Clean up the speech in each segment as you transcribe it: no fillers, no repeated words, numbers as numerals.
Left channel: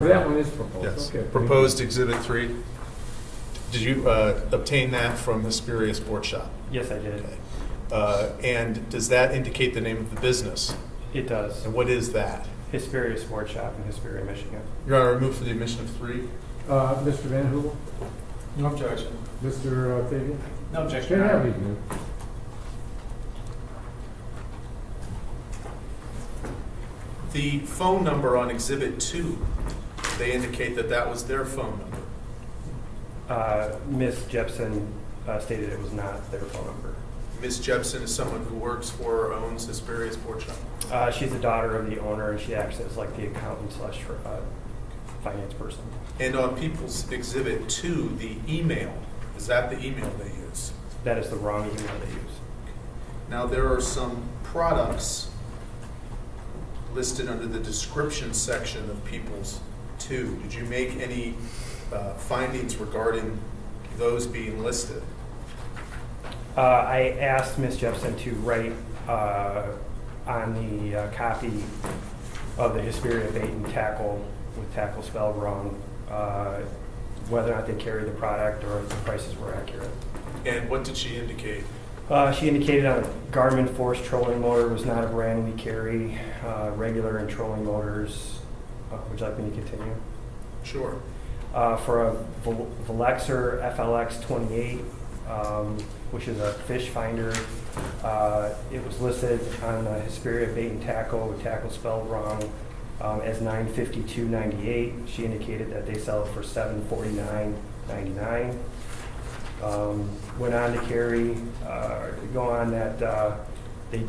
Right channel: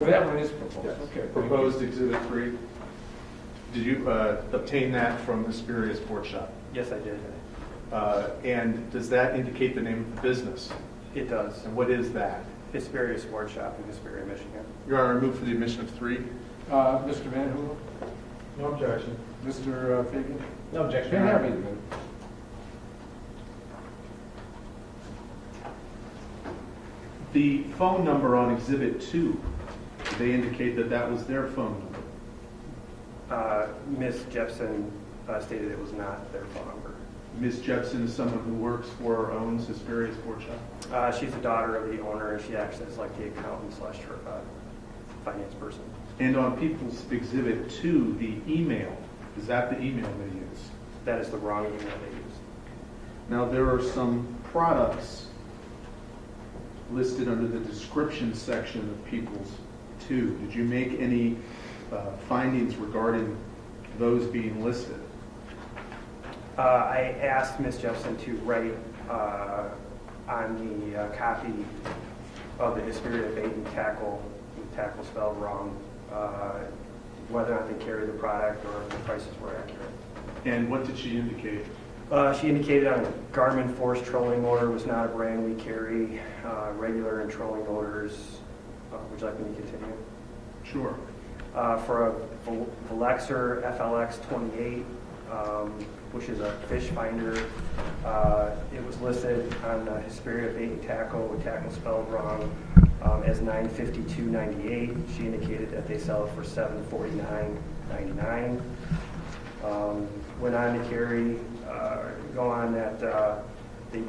That one is proposed. Yes. Okay. Proposed Exhibit 3. Did you obtain that from Hesperia Sports Shop? Yes, I did. And does that indicate the name of the business? It does. And what is that? Hesperia Sports Shop in Hesperia, Michigan. Your Honor, I move for the admission of 3. Mr. Van Hoover? No objection. Mr. Fabian? No objection. Can have it. The phone number on Exhibit 2, they indicate that that was their phone number. Ms. Jepson stated it was not their phone number. Ms. Jepson is someone who works for or owns Hesperia Sports Shop. She's the daughter of the owner, and she acts as like the accountant slash finance person. And on People's Exhibit 2, the email, is that the email they use? That is the wrong email they use. Now, there are some products listed under the description section of People's 2. Did you make any findings regarding those being listed? I asked Ms. Jepson to write on the copy of the Hesperia bait and tackle, with tackle spelled wrong, whether or not they carry the product or if the prices were accurate. And what did she indicate? She indicated on Garmin Force trolling motor was not a brand we carry, regular and trolling motors. Would you like me to continue? Sure. For a Velexer FLX 28, which is a fish finder, it was listed on the Hesperia bait and tackle with tackle spelled wrong as $952.98. She indicated that they sell it for $749.99. Went on to carry, go on that they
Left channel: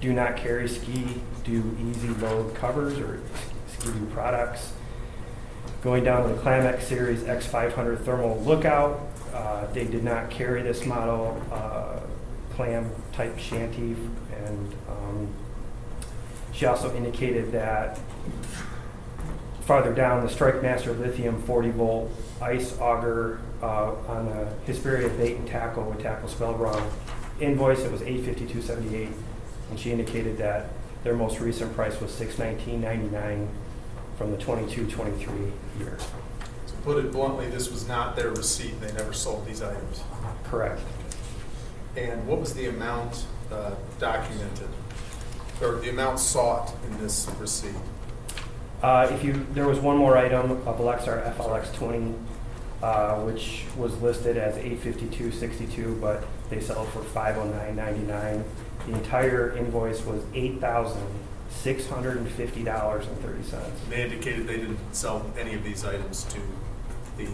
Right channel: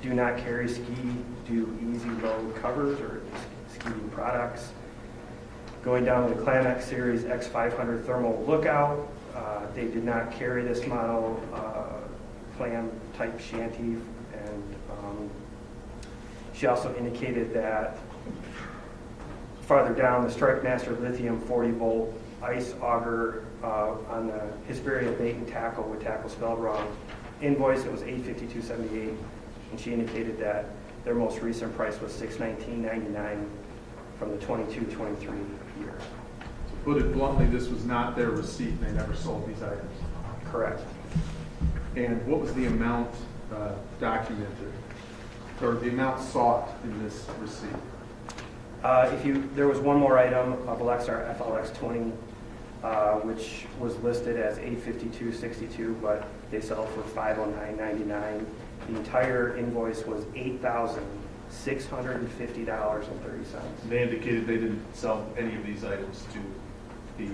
do not carry ski do easy load covers or ski do products. Going down to the Climax Series X500 Thermal Lookout, they did not carry this model clam type shanty, and she also indicated that farther down the Strike Master Lithium 40 volt ice auger on the Hesperia bait and tackle with tackle spelled wrong invoice, it was $852.78, and she indicated that their most recent price was $619.99 from the 22-23 year. To put it bluntly, this was not their receipt. They never sold these items. Correct. And what was the amount documented, or the amount sought in this receipt? There was one more item, a Velexer FLX 20, which was listed as $852.62, but they sell it for $509.99. The entire invoice was $8,650.30. They indicated they didn't sell any of these items to the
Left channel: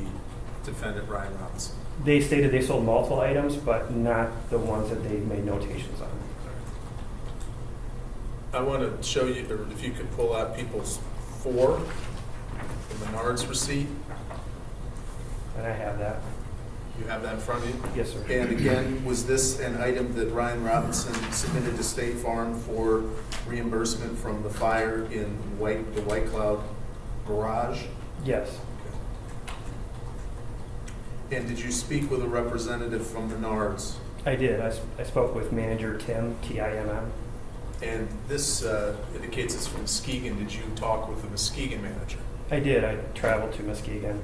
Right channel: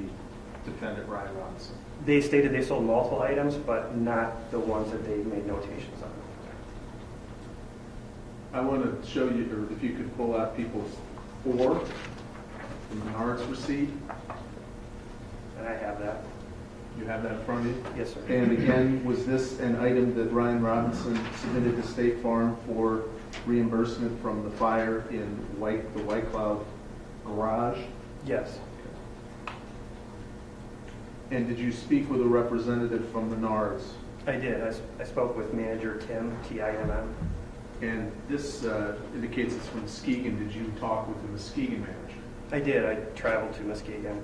defendant, Ryan Robinson. They stated they sold multiple items, but not the ones that they made notations on. I want to show you, or if you could pull out People's 4, the Menards receipt. And I have that. You have that in front of you? Yes, sir. And again, was this an item that Ryan Robinson submitted to State Farm for reimbursement from the fire in the White Cloud garage? Yes. And did you speak with a representative from Menards? I did. I spoke with manager Tim, T-I-M-M. And this indicates it's from Muskegon. Did you talk with the Muskegon manager? I did. I traveled to Muskegon.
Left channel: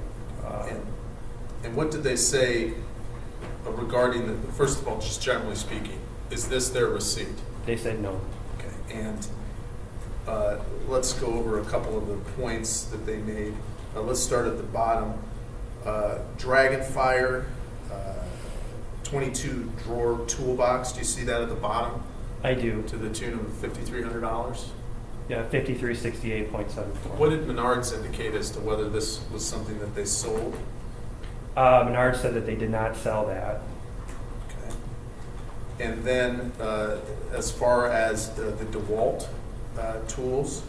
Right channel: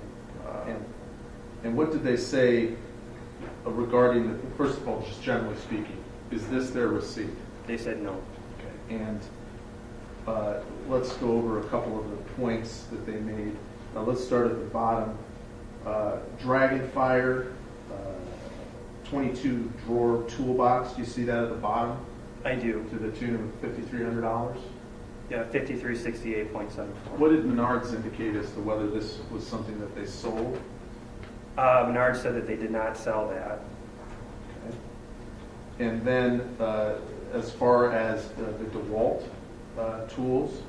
And what did they say regarding, first of all, just generally speaking, is this their receipt? They said no. Okay, and let's go over a couple of the points that they made. Let's start at the bottom. Dragonfire 22 drawer toolbox. Do you see that at the bottom? I do. To the tune of $5,300. Yeah, 5368.74. What did Menards indicate as to whether this was something that they sold? Menards said that they did not sell that. Okay. And then as far as the DeWalt tools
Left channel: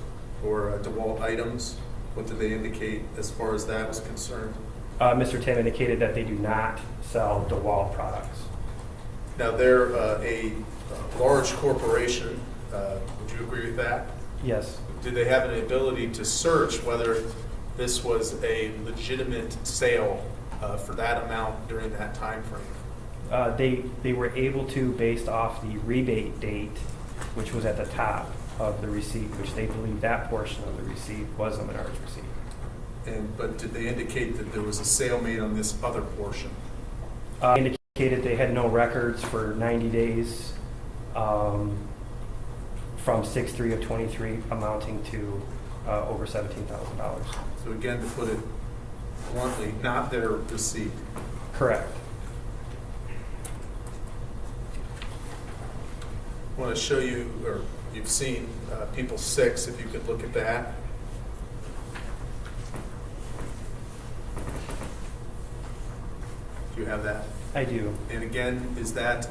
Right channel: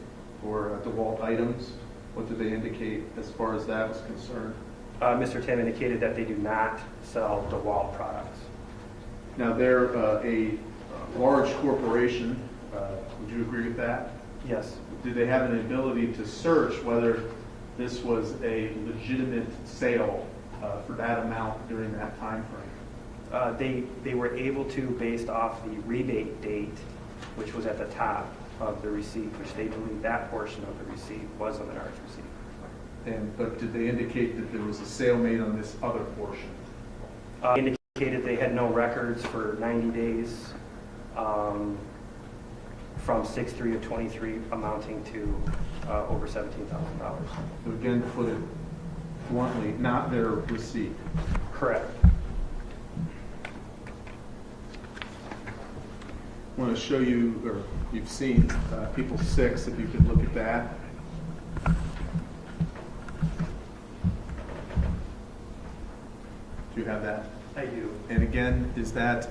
or DeWalt items, what did they indicate as far as that was concerned? Mr. Tan indicated that they do not sell DeWalt products. Now, they're a large corporation. Would you agree with that? Yes. Do they have an ability to search whether this was a legitimate sale for that amount during that time frame? They were able to, based off the rebate date, which was at the top of the receipt, which they believe that portion of the receipt was a Menards receipt. but did they indicate that there was a sale made on this other portion? Indicated they had no records for 90 days from 6/3 of 23, amounting to over $17,000. So again, to put it bluntly, not their receipt. Correct. I want to show you, or you've seen, people 6, if you could look at that. Do you have that? I do. And again, is that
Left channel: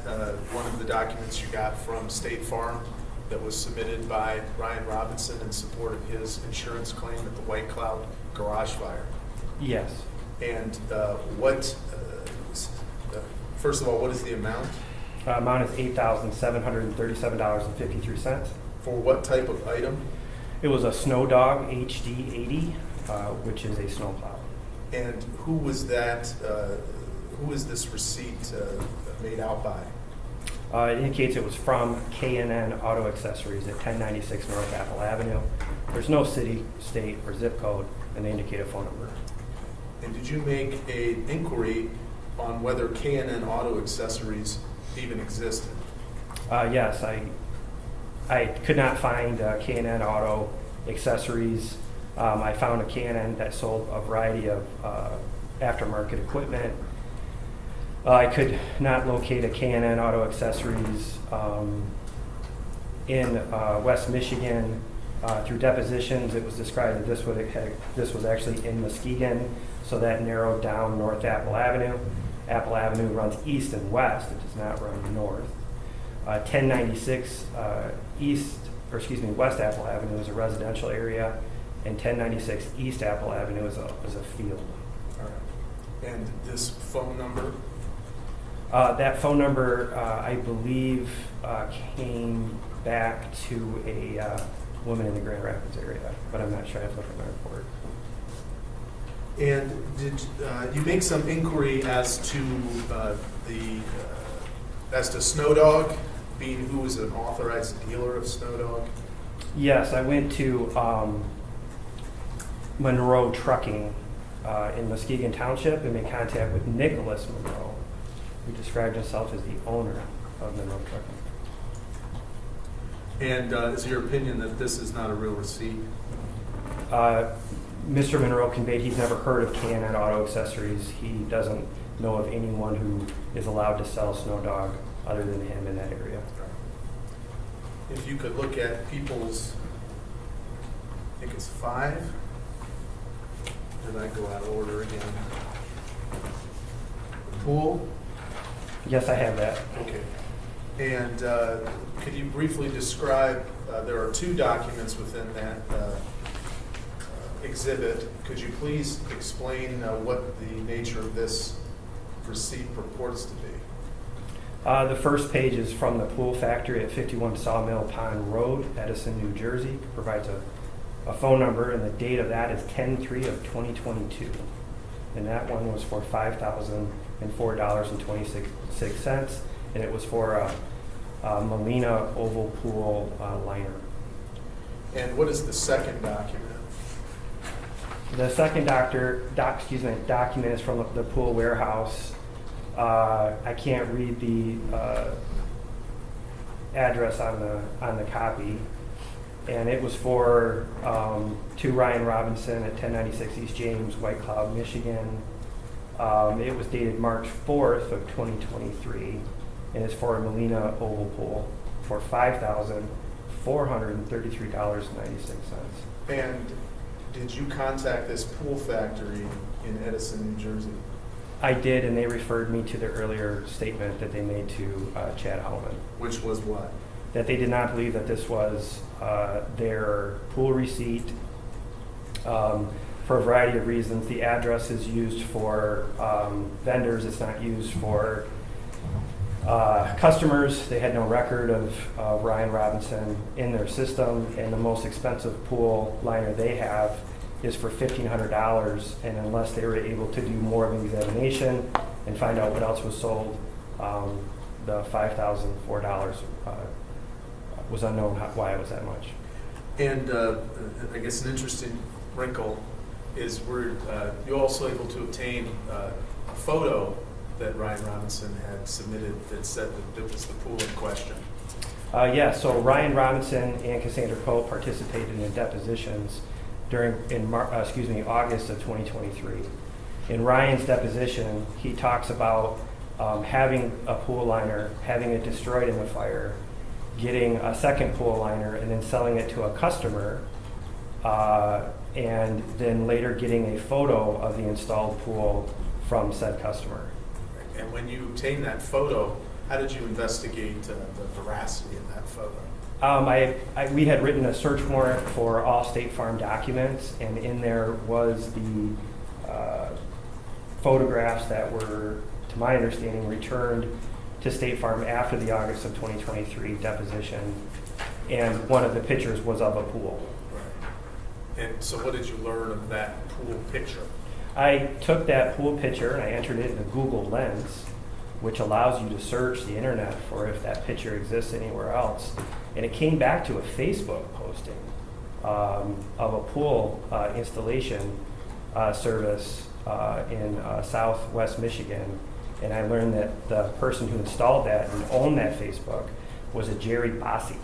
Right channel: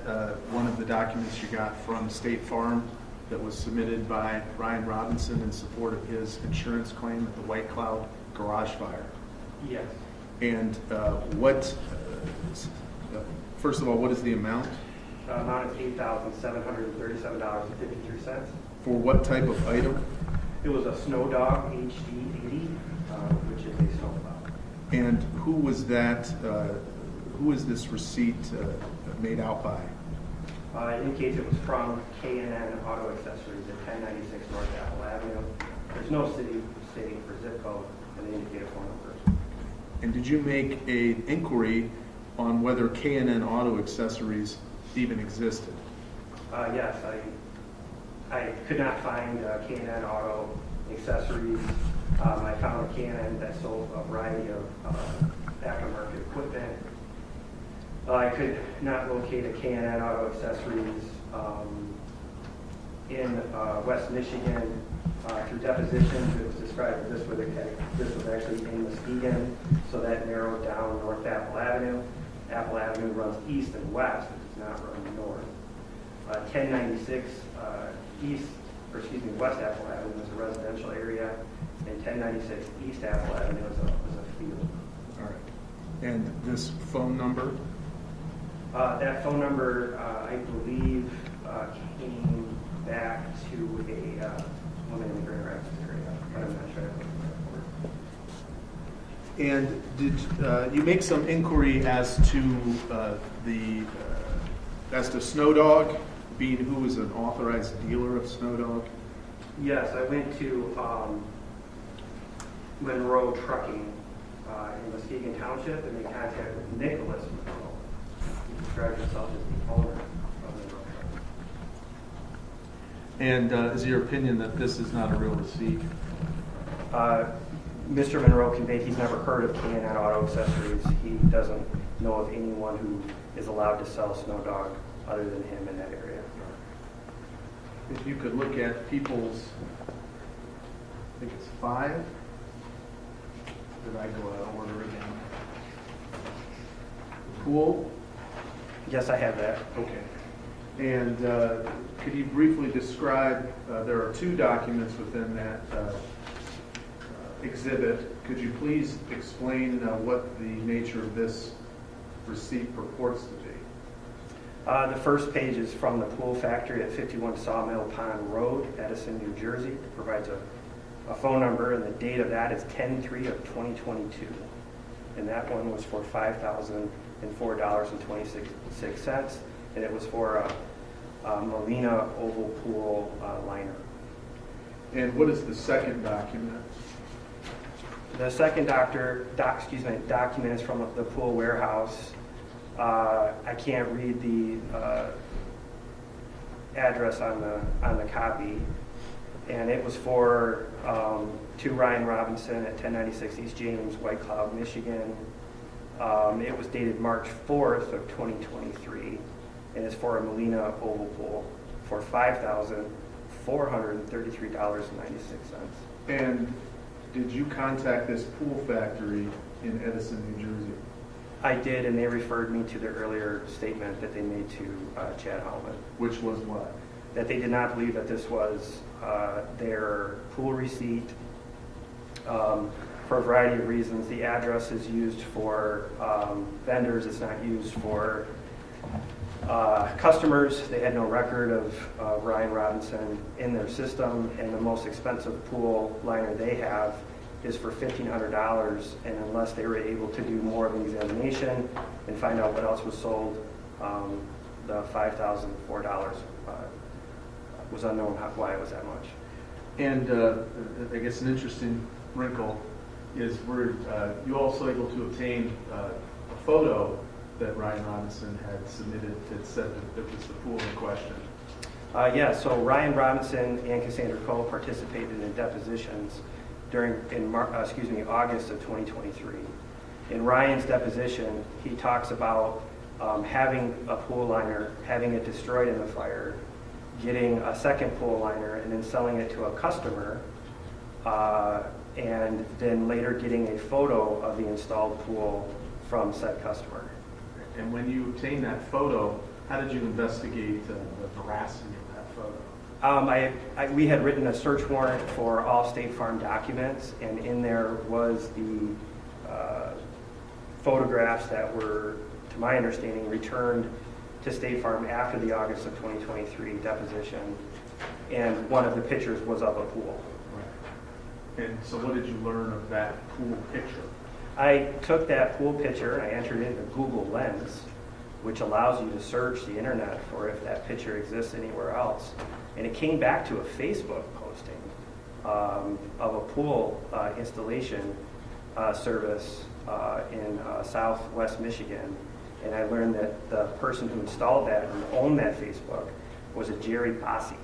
one of the documents you got from State Farm that was submitted by Ryan Robinson in support of his insurance claim at the White Cloud garage fire? Yes. And first of all, what is the amount? Amount is $8,737.53. For what type of item? It was a Snow Dog HD 80, which is a snowplow. And who was that? Who is this receipt made out by? It indicates it was from KNN Auto Accessories at 1096 North Apple Avenue. There's no city, state, or zip code, and they indicate a phone number. And did you make an inquiry on whether KNN Auto Accessories even existed? Yes, I could not find KNN Auto Accessories. I found a KNN that sold a variety of aftermarket equipment. I could not locate a KNN Auto Accessories in West Michigan. Through depositions, it was described that this was actually in Muskegon, so that narrowed down North Apple Avenue. Apple Avenue runs east and west; it does not run north. 1096 West Apple Avenue is a residential area, and 1096 East Apple Avenue is a field. All right. And this phone number? That phone number, I believe, came back to a woman in the Grand Rapids area, but I'm not sure. I have to look at my report. And did you make some inquiry as to Snow Dog, being who was an authorized dealer of Snow Dog? Yes, I went to Monroe Trucking in Muskegon Township and made contact with Nicholas Monroe, who described himself as the owner of Monroe Trucking. And is your opinion that this is not a real receipt? Mr. Monroe conveyed he's never heard of KNN Auto Accessories. He doesn't know of anyone who is allowed to sell Snow Dog other than him in that area. If you could look at people's, I think it's 5. Did I go out of order again? Pool? Yes, I have that. Okay. And could you briefly describe, there are 2 documents within that exhibit. Could you please explain what the nature of this receipt purports to be? The first page is from the pool factory at 51 Sawmill Pond Road, Edison, New Jersey. It provides a phone number, and the date of that is 10/3 of 2022. And that one was for $5,004.26, and it was for a Molina oval pool liner. And what is the second document? The second document is from the pool warehouse. I can't read the address on the copy, and it was for to Ryan Robinson at 1096 East James, White Cloud, Michigan. It was dated March 4th of 2023, and it's for a Molina oval pool for $5,433.96. And did you contact this pool factory in Edison, New Jersey? I did, and they referred me to the earlier statement that they made to Chad Hellman, Which was what? that they did not believe that this was their pool receipt for a variety of reasons. The address is used for vendors. It's not used for customers. They had no record of Ryan Robinson in their system, and the most expensive pool liner they have is for $1,500, and unless they were able to do more of an examination and find out what else was sold, the $5,004 was unknown why it was that much. And I guess an interesting wrinkle is were you also able to obtain a photo that Ryan Robinson had submitted that said that was the pool in question? Yeah, so Ryan Robinson and Cassandra Cole participated in depositions August of 2023. In Ryan's deposition, he talks about having a pool liner, having it destroyed in the fire, getting a second pool liner, and then selling it to a customer, and then later getting a photo of the installed pool from said customer. And when you obtained that photo, how did you investigate the veracity of that photo? We had written a search warrant for all State Farm documents, and in there was the photographs that were, to my understanding, returned to State Farm after the August of 2023 deposition, and one of the pictures was of a pool. And so what did you learn of that pool picture? I took that pool picture and I entered it into Google Lens, which allows you to search the internet for if that picture exists anywhere else. And it came back to a Facebook posting of a pool installation service in Southwest Michigan. And I learned that the person who installed that and owned that Facebook was a Jerry Bossi.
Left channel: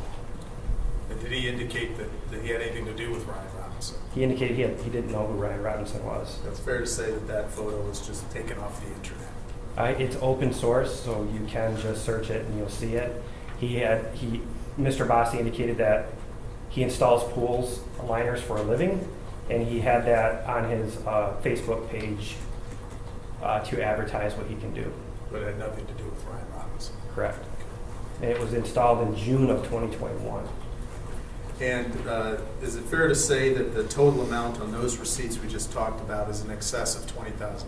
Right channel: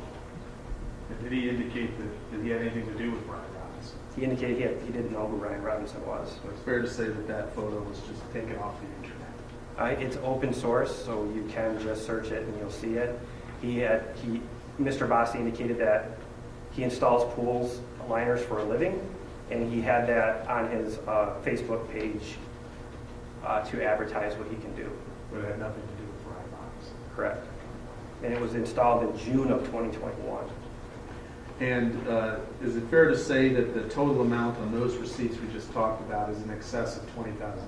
And did he indicate that he had anything to do with Ryan Robinson? He indicated he didn't know who Ryan Robinson was. It's fair to say that that photo was just taken off the internet. It's open source, so you can just search it and you'll see it. Mr. Bossi indicated that he installs pools liners for a living, and he had that on his Facebook page to advertise what he can do. But it had nothing to do with Ryan Robinson. Correct. And it was installed in June of 2021. And is it fair to say that the total amount on those receipts we just talked about is in excess of $20,000?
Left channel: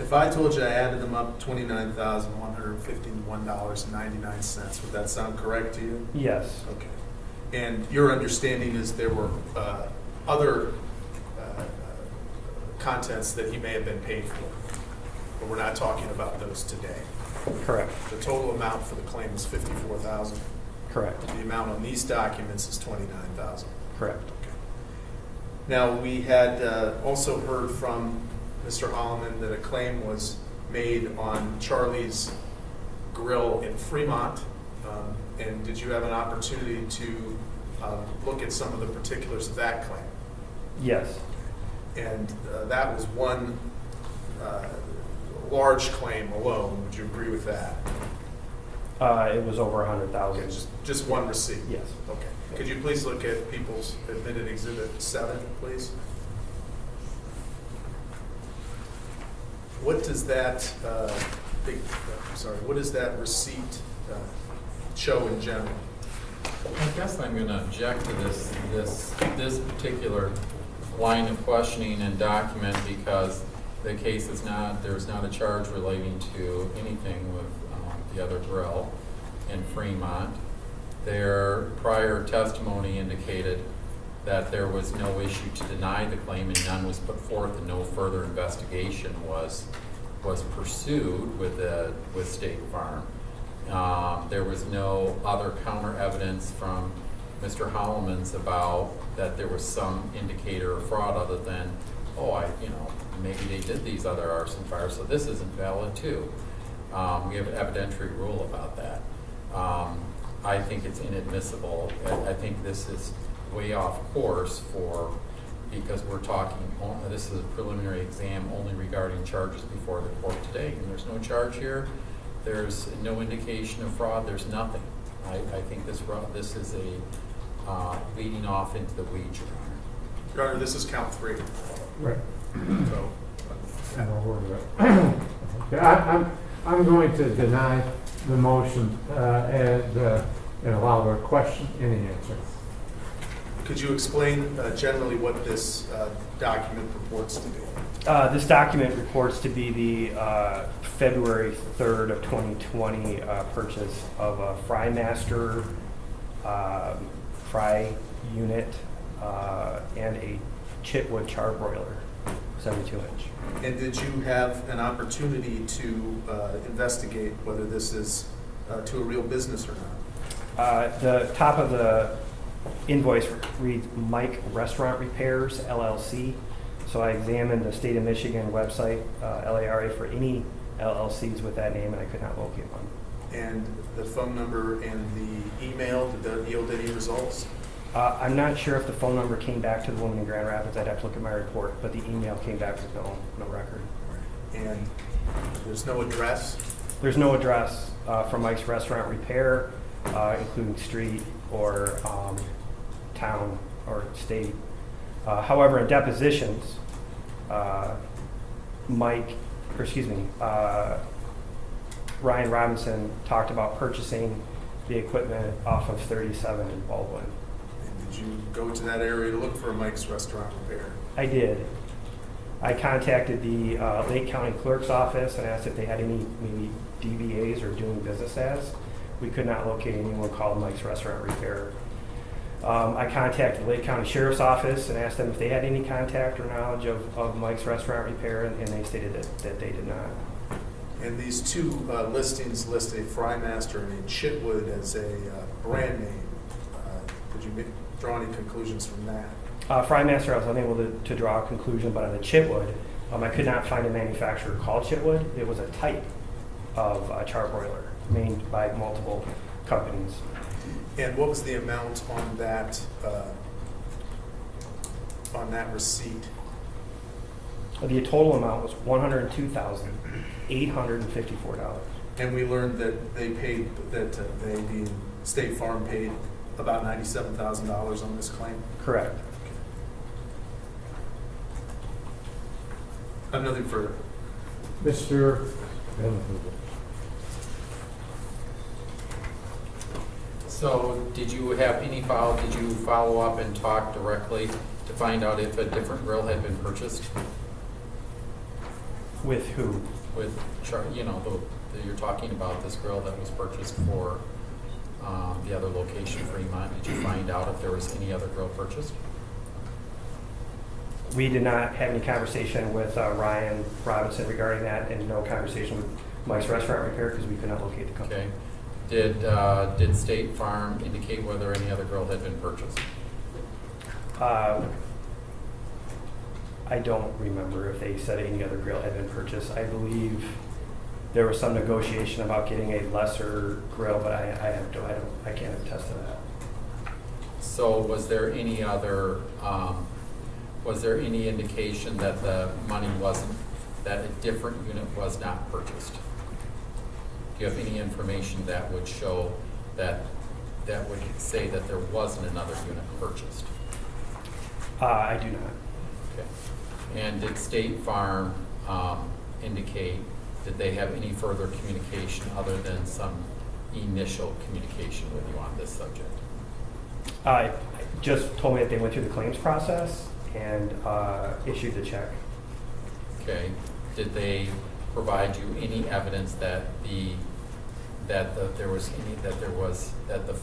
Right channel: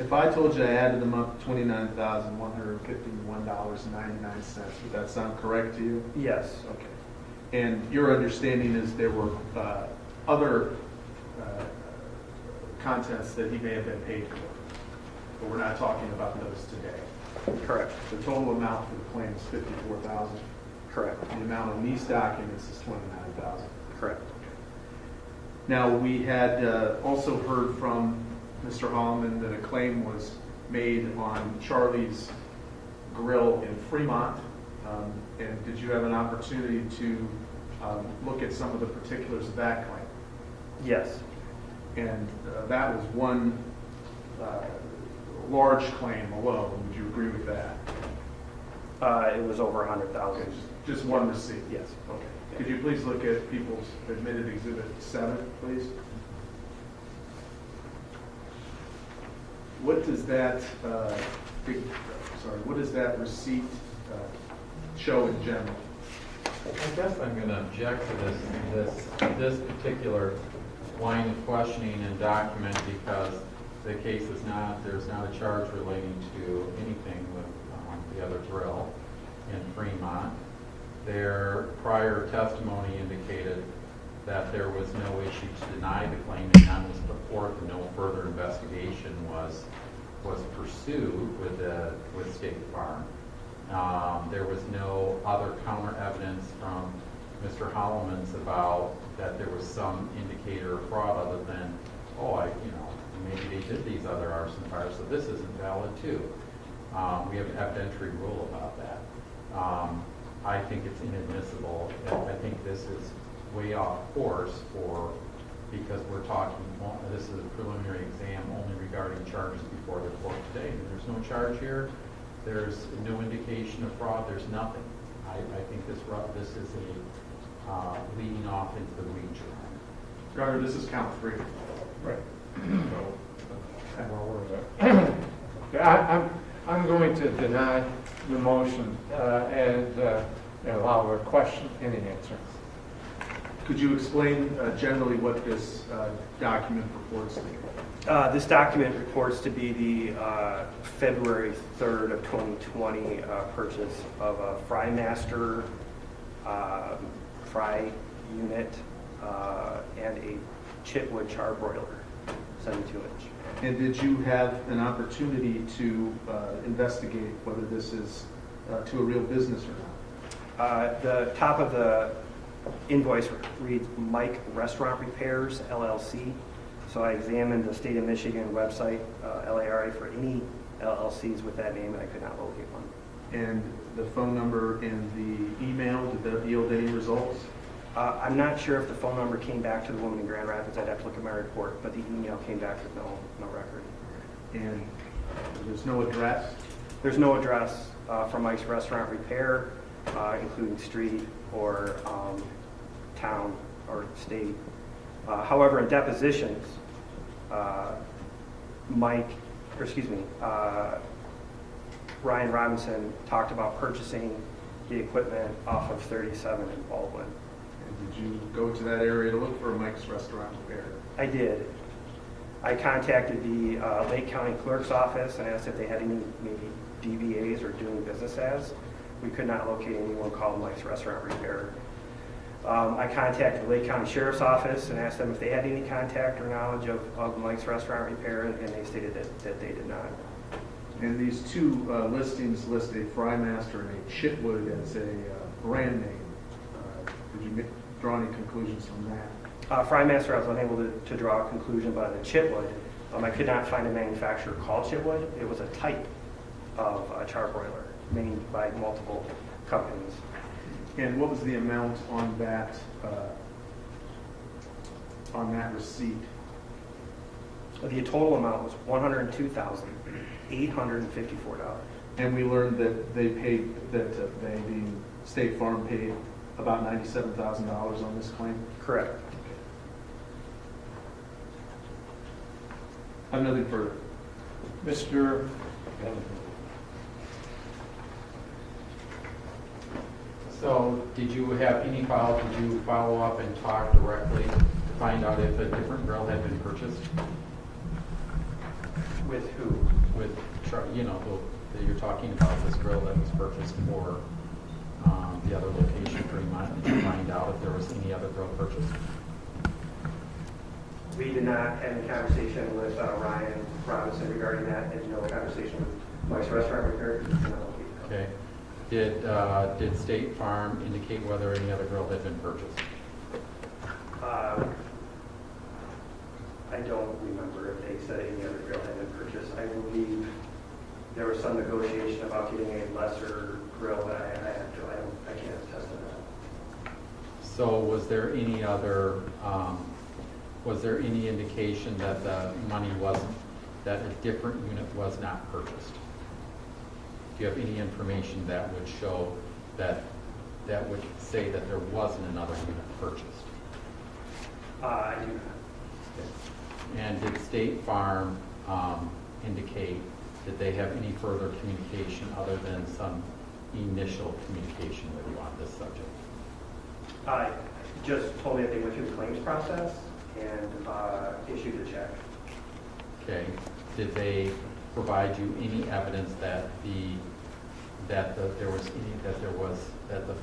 If I told you I added them up, $29,151.99, would that sound correct to you? Yes. Okay. And your understanding is there were other contents that he may have been paid for, but we're not talking about those today. Correct. The total amount for the claim is $54,000. Correct. The amount on these documents is $29,000. Correct. Okay. Now, we had also heard from Mr. Holloman that a claim was made on Charlie's Grill in Fremont. And did you have an opportunity to look at some of the particulars of that claim? Yes. And that was one large claim alone. Would you agree with that? It was over 100,000. Okay, just one receipt? Yes. Okay. Could you please look at People's Admitted Exhibit 7, please? What does that what does that receipt show in general? I guess I'm going to object to this particular line of questioning and document because the case is there's not a charge relating to anything with the other grill in Fremont. Their prior testimony indicated that there was no issue to deny the claim and none was put forth and no further investigation was pursued with State Farm. There was no other counter evidence from Mr. Holloman's about that there was some indicator of fraud other than, maybe they did these other arson fires, so this isn't valid too. We have an evidentiary rule about that. I think it's inadmissible. I think this is way off course because we're talking, this is a preliminary exam only regarding charges before the court today. And there's no charge here. There's no indication of fraud. There's nothing. I think this is a leading off into the weeds. Your Honor, this is count 3. Right. So, And we're aware of it. Okay, I'm going to deny the motion and allow a question and an answer. could you explain generally what this document purports to be? This document reports to be the February 3rd of 2020 purchase of a Frymaster fry unit and a chitwood charbroiler, 72-inch. And did you have an opportunity to investigate whether this is to a real business or not? The top of the invoice reads Mike Restaurant Repairs LLC. So I examined the state of Michigan website, LARA, for any LLCs with that name, and I could not locate one. And the phone number and the email, did that yield any results? I'm not sure if the phone number came back to the woman in Grand Rapids. I'd have to look at my report, but the email came back with no record. And there's no address? There's no address for Mike's Restaurant Repair, including street or town or state. However, in depositions, Ryan Robinson talked about purchasing the equipment off of 37 in Baldwin. And did you go to that area to look for Mike's Restaurant Repair? I did. I contacted the Lake County Clerk's office and asked if they had any maybe DBAs or doing business as. We could not locate anyone called Mike's Restaurant Repair. I contacted the Lake County Sheriff's Office and asked them if they had any contact or knowledge of Mike's Restaurant Repair, and they stated that they did not. And these two listings list a Frymaster and a Chitwood as a brand name. Did you draw any conclusions from that? Frymaster, I was unable to draw a conclusion, but on the Chitwood, I could not find a manufacturer called Chitwood. It was a type of charbroiler made by multiple companies. And what was the amount on that receipt? The total amount was $102,854. And we learned that they paid, that they, being State Farm, paid about $97,000 on this claim? Correct. I have nothing further. Mr. So did you have any did you follow up and talk directly to find out if a different grill had been purchased? With who? With, you're talking about this grill that was purchased for the other location, Fremont. Did you find out if there was any other grill purchased? We did not have any conversation with Ryan Robinson regarding that, and no conversation with Mike's Restaurant Repair because we could not locate the company. Okay. Did State Farm indicate whether any other grill had been purchased? I don't remember if they said any other grill had been purchased. I believe there was some negotiation about getting a lesser grill, but I can't attest to that. So was there any other, was there any indication that the money wasn't, that a different unit was not purchased? Do you have any information that would show that would say that there wasn't another unit purchased? I do not. Okay. And did State Farm indicate that they have any further communication other than some initial communication with you on this subject? Just told me that they went through the claims process and issued the check. Okay. Did they provide you any evidence that the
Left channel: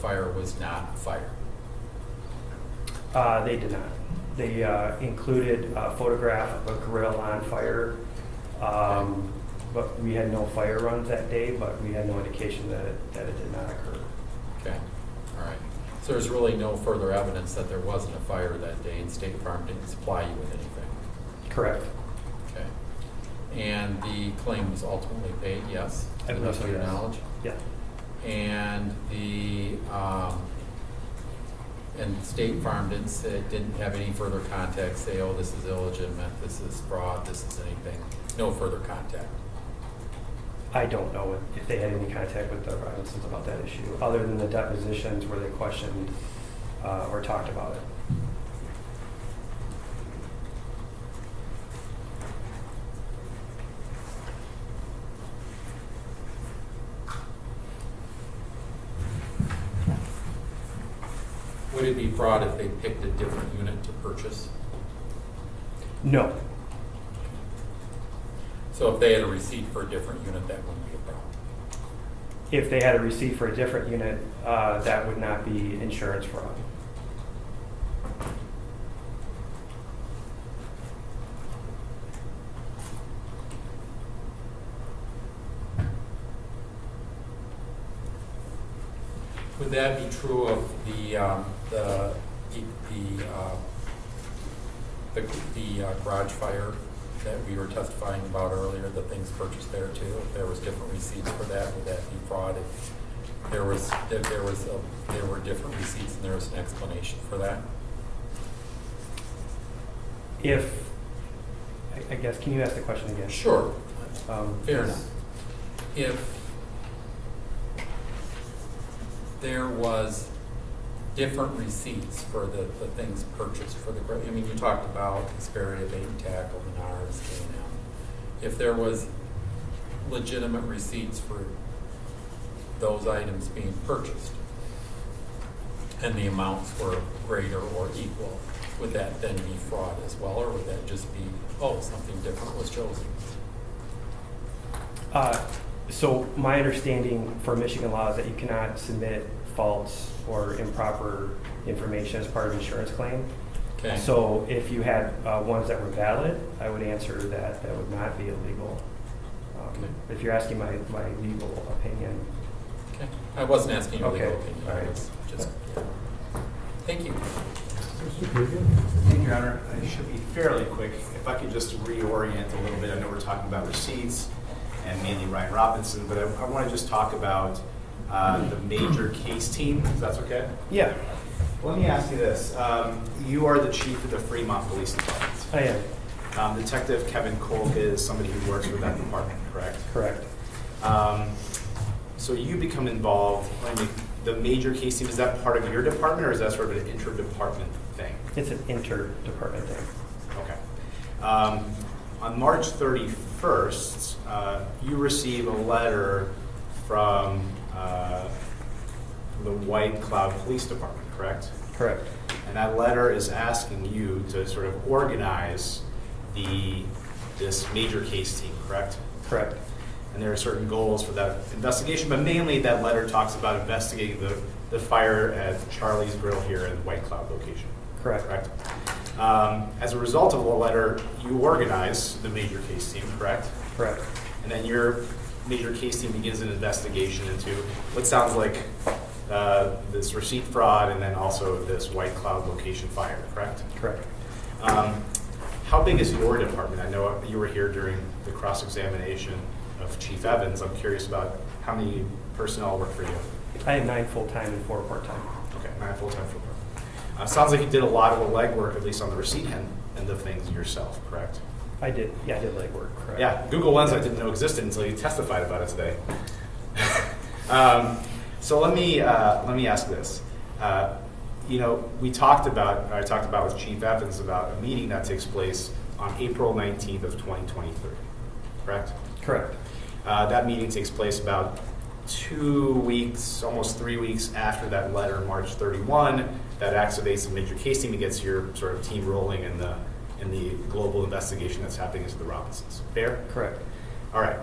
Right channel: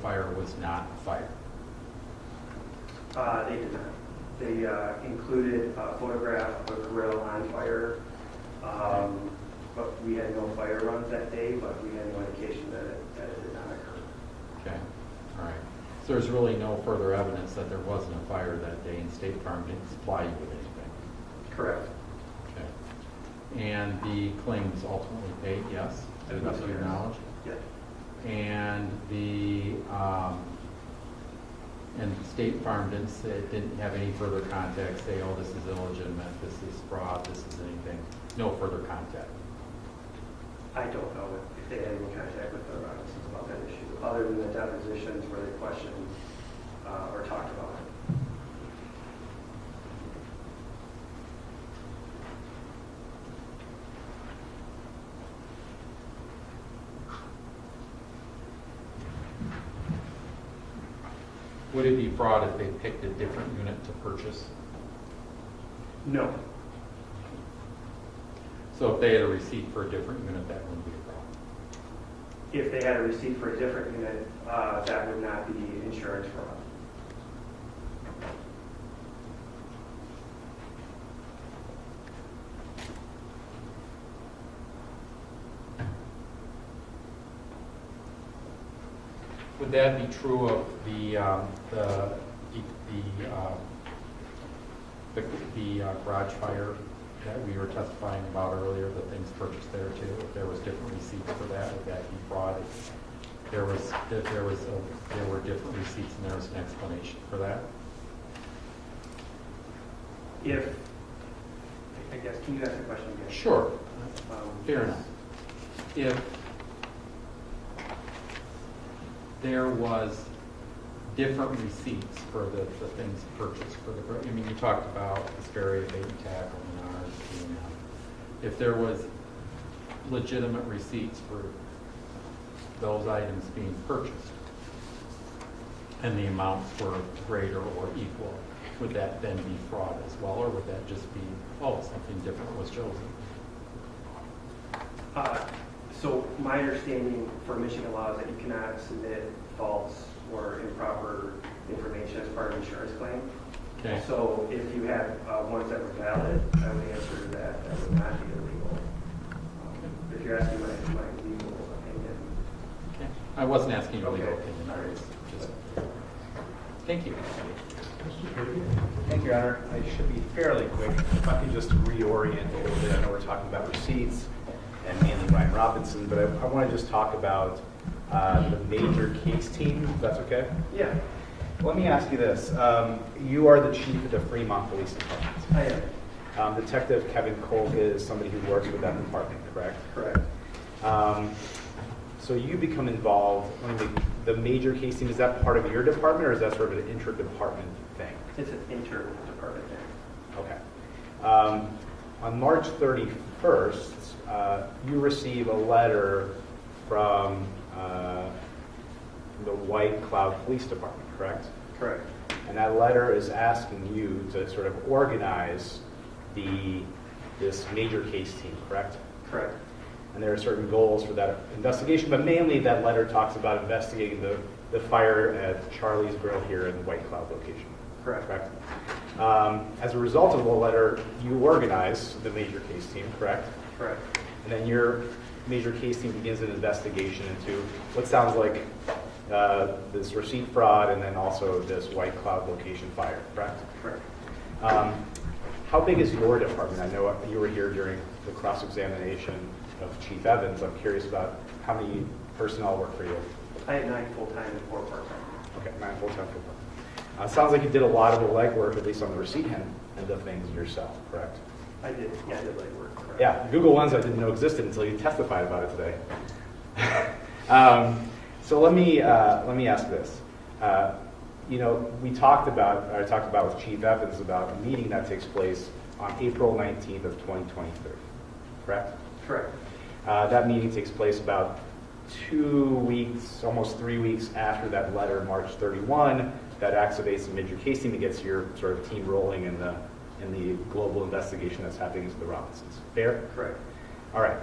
fire was not a fire? They did not. They included a photograph of a grill on fire, but we had no fire runs that day, but we had no indication that it did not occur. Okay, all right. So there's really no further evidence that there wasn't a fire that day and State Farm didn't supply you with anything? Correct. Okay. And the claim was ultimately paid, yes? To the best of your knowledge? Yeah. And and State Farm didn't have any further contact, say, oh, this is illegitimate, this is fraud, this is anything. No further contact. I don't know if they had any contact with the Robinsons about that issue, other than the depositions where they questioned or talked about it. Would it be fraud if they picked a different unit to purchase? No. So if they had a receipt for a different unit, that wouldn't be a problem? If they had a receipt for a different unit, that would not be insurance fraud. Would that be true of the the garage fire that we were testifying about earlier, the things purchased there too, if there was different receipts for that, would that be fraud? If there were different receipts and there was an explanation for that? If, I guess, can you ask the question again? Sure. Um, Fair enough. If there was different receipts for the things purchased for the, I mean, you talked about Hesperia, bait and tackle, Menards, KNN. If there was legitimate receipts for those items being purchased and the amounts were greater or equal, would that then be fraud as well, or would that just be, oh, something different was chosen? So my understanding for Michigan law is that you cannot submit false or improper information as part of an insurance claim. Okay. So if you had ones that were valid, I would answer that that would not be illegal. Okay. If you're asking my legal opinion. Okay. I wasn't asking your legal Okay. opinion. All right. Just, thank you. Mr. Creedy? Thank you, Your Honor. I should be fairly quick. If I could just reorient a little bit. I know we're talking about receipts and mainly Ryan Robinson, but I want to just talk about the major case team, if that's okay. Yeah, Let me ask you this. You are the chief of the Fremont Police Department. I am. Detective Kevin Kolk is somebody who works with that department, correct? Correct. So you become involved in the major case team. Is that part of your department, or is that sort of an inter-department thing? It's an inter-department thing. Okay. On March 31st, you receive a letter from the White Cloud Police Department, correct? Correct. And that letter is asking you to sort of organize this major case team, correct? Correct. And there are certain goals for that investigation, but mainly that letter talks about investigating the fire at Charlie's Grill here in the White Cloud location. Correct. Correct. As a result of the letter, you organize the major case team, correct? Correct. And then your major case team begins an investigation into what sounds like this receipt fraud and then also this White Cloud location fire, correct? Correct. How big is your department? I know you were here during the cross-examination of Chief Evans. I'm curious about how many personnel work for you. I have 9 full-time and 4 part-time. Okay, 9 full-time for you. Sounds like you did a lot of the legwork, at least on the receipt end of things yourself, correct? I did. Yeah, I did legwork. Correct. Yeah, Google Lens I didn't know existed until you testified about it today. So let me ask this. I talked about with Chief Evans about a meeting that takes place on April 19th of 2023, correct? Correct. That meeting takes place about 2 weeks, almost 3 weeks after that letter, March 31, that activates the major case team to get your sort of team rolling in the global investigation that's happening into the Robinsons. Fair? Correct. All right.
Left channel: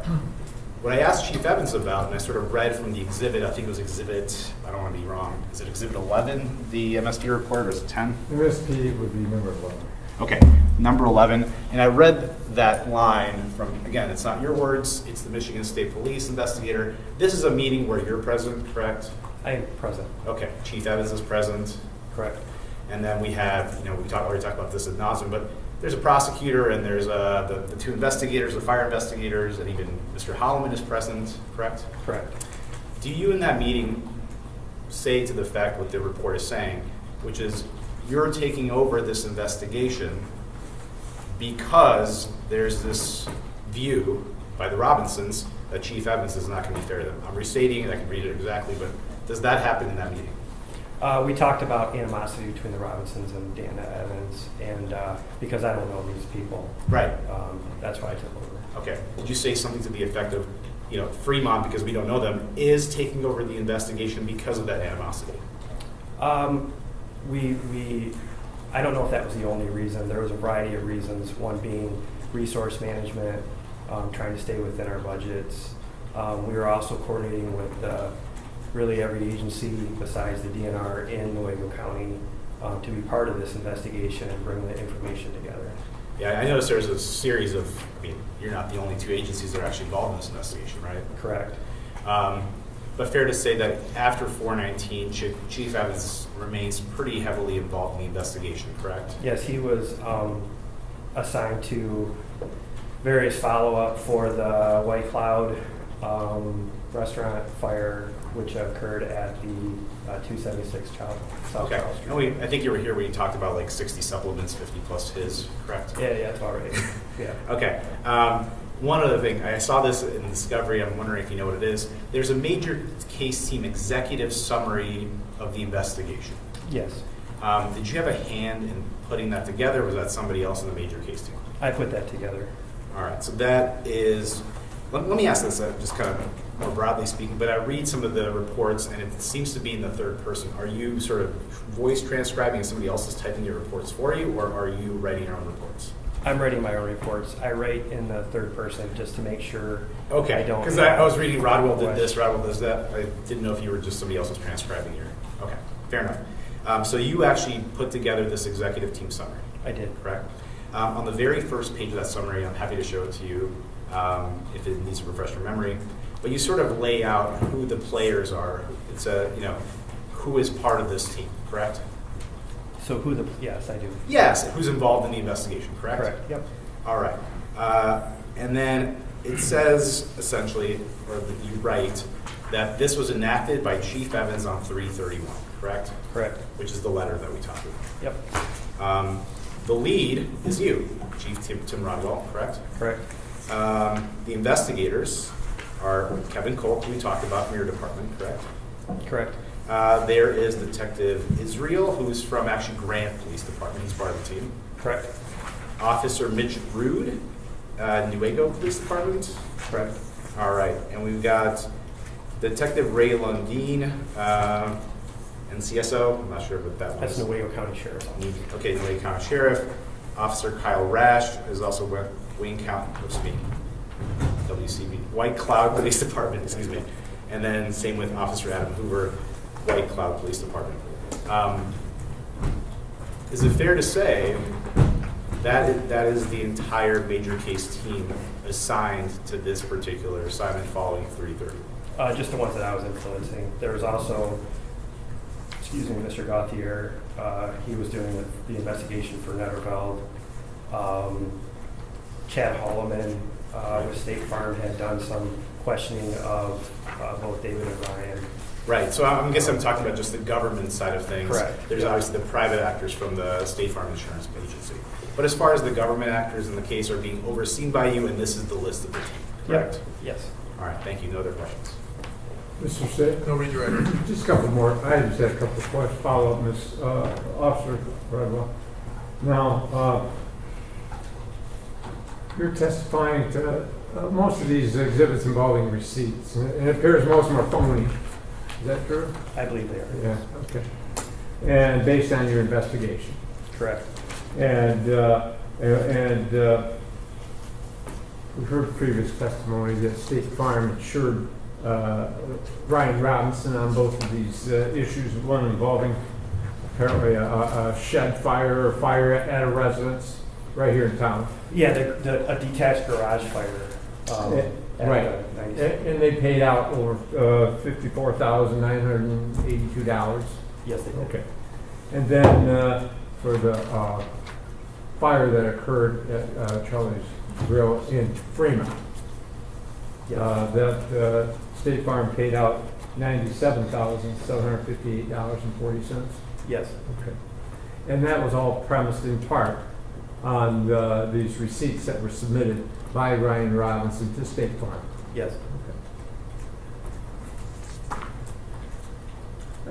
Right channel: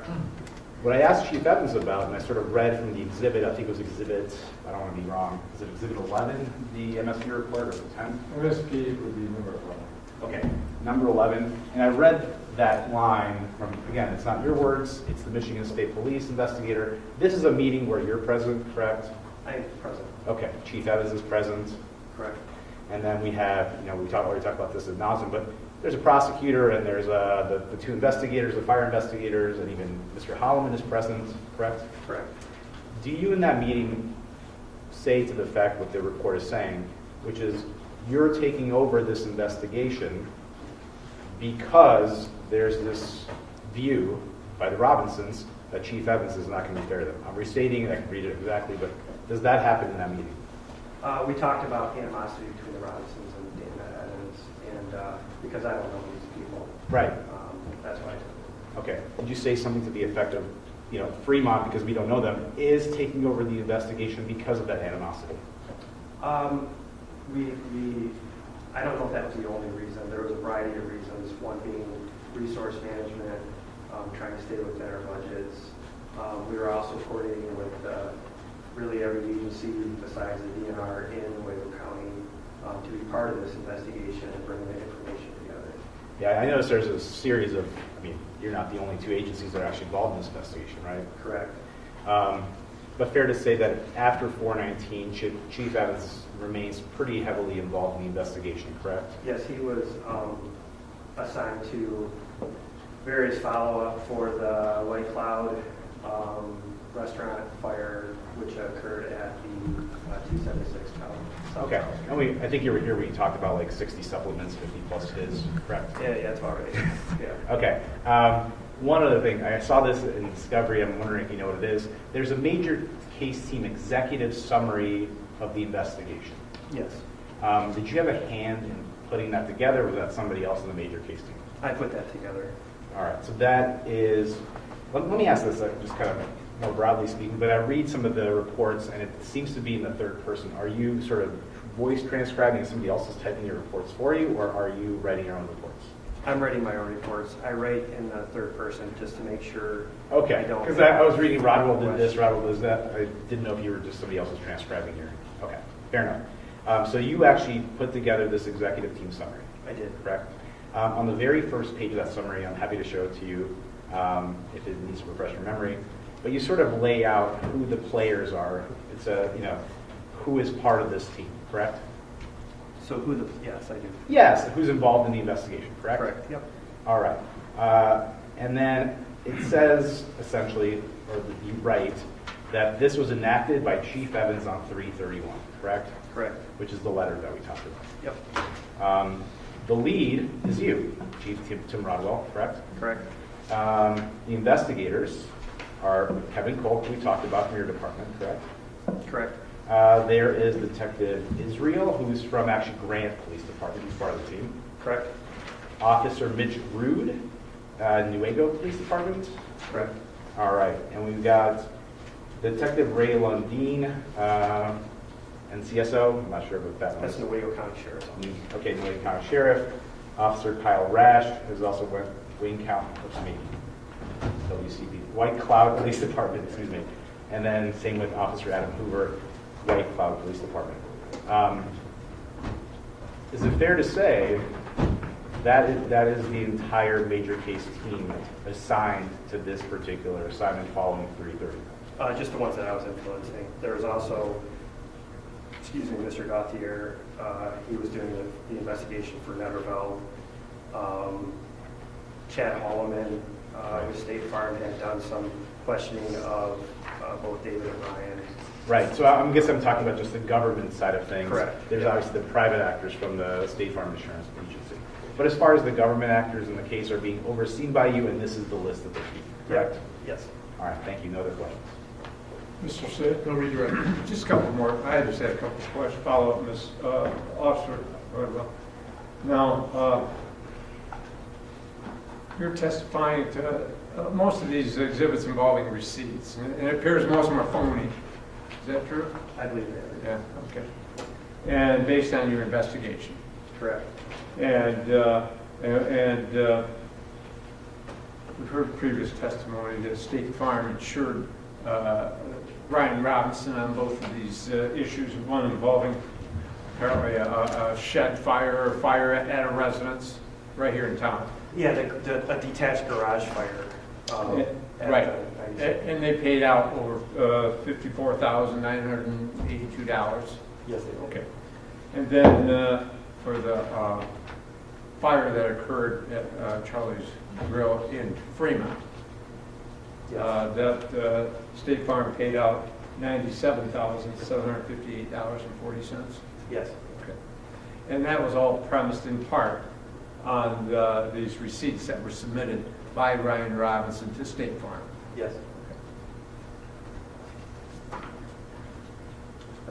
What I asked Chief Evans about, and I sort of read from the exhibit, I think it was exhibit, I don't want to be wrong, is it exhibit 11, the MSP report, or is it 10? MSP would be number 11. Okay, number 11. And I read that line from, again, it's not your words, it's the Michigan State Police investigator. This is a meeting where you're present, correct? I am present. Okay, Chief Evans is present. Correct. And then we have, we already talked about this ad nauseam, but there's a prosecutor and there's the 2 investigators, the fire investigators, and even Mr. Holloman is present, correct? Correct. Do you in that meeting say to the fact what the report is saying, which is you're taking over this investigation because there's this view by the Robinsons that Chief Evans is not going to be fair to them? I'm restating it, I can read it exactly, but does that happen in that meeting? We talked about animosity between the Robinsons and Dan Evans, and because I don't know these people, Right. that's why I took over. Okay. Did you say something to the effect of, Fremont, because we don't know them, is taking over the investigation because of that animosity? I don't know if that was the only reason. There was a variety of reasons, one being resource management, trying to stay within our budgets. We were also coordinating with really every agency besides the DNR in Nuevo County to be part of this investigation and bring the information together. Yeah, I noticed there's a series of, you're not the only 2 agencies that are actually involved in this investigation, right? Correct. But fair to say that after 419, Chief Evans remains pretty heavily involved in the investigation, correct? Yes, he was assigned to various follow-up for the White Cloud restaurant fire, which occurred at the 276 South Okay. Charles Street. And I think you were here when you talked about like 60 supplements, 50 plus his, correct? Yeah, it's all right. Yeah. Okay. One other thing, I saw this in Discovery, I'm wondering if you know what it is. There's a major case team executive summary of the investigation. Yes, Did you have a hand in putting that together, or was that somebody else in the major case team? I put that together. All right, so that is, let me ask this, just kind of more broadly speaking, but I read some of the reports and it seems to be in the third person. Are you sort of voice transcribing and somebody else is typing your reports for you, or are you writing your own reports? I'm writing my own reports. I write in the third person just to make sure. Okay, I don't. because I was reading Rodwell did this, Rodwell does that. I didn't know if you were just somebody else was transcribing your, okay, fair enough. So you actually put together this executive team summary, I did. correct? On the very first page of that summary, I'm happy to show it to you if it needs to refresh your memory, but you sort of lay out who the players are. It's who is part of this team, correct? So yes, I do. Yes, who's involved in the investigation, correct? Correct, yep. All right. And then it says, essentially, or that you write, that this was enacted by Chief Evans on 3/31, correct? Correct. Which is the letter that we talked about. Yep. The lead is you, Chief Tim Rodwell, correct? Correct. The investigators are Kevin Colt, who we talked about from your department, correct? Correct. There is Detective Israel, who's from actually Grant Police Department. He's part of the team. Correct. Officer Mitch Rude, Nuevo Police Department. Correct. All right, and we've got Detective Ray Lundeen, NCSO. I'm not sure who that That's was. Nuevo County Sheriff's Office. Okay, Nuevo County Sheriff. Officer Kyle Rash is also with Wayne County, WCB, White Cloud Police Department, excuse me. And then same with Officer Adam Hoover, White Cloud Police Department. Is it fair to say that is the entire major case team assigned to this particular assignment following 3/30? Just the ones that I was influencing. There was also, Mr. Gauthier. He was doing the investigation for Netterveld. Chad Holloman with State Farm had done some questioning of both David and Ryan. Right, so I guess I'm talking about just the government side of things. Correct. There's obviously the private actors from the State Farm Insurance Agency. But as far as the government actors in the case are being overseen by you, and this is the list of the team, correct? Yes. All right, thank you. No other questions? Mr. Sid? No redirect. Just a couple more. I just had a couple of questions, follow-up, Ms. Officer Rodwell. Now, you're testifying to most of these exhibits involving receipts, and it appears most of them are phony. Is that true? I believe they are. Yeah, okay. And based on your investigation. Correct. And we've heard previous testimony that State Farm insured Ryan Robinson on both of these issues, one involving apparently a shed fire or fire at a residence right here in town. Yeah, a detached garage fire. Right. At 97. And they paid out over $54,982. Yes, they did. Okay. And then for the fire that occurred at Charlie's Grill in Fremont, Yes. that State Farm paid out $97,758.40. Yes. Okay. And that was all premised in part on these receipts that were submitted by Ryan Robinson to State Farm. Yes.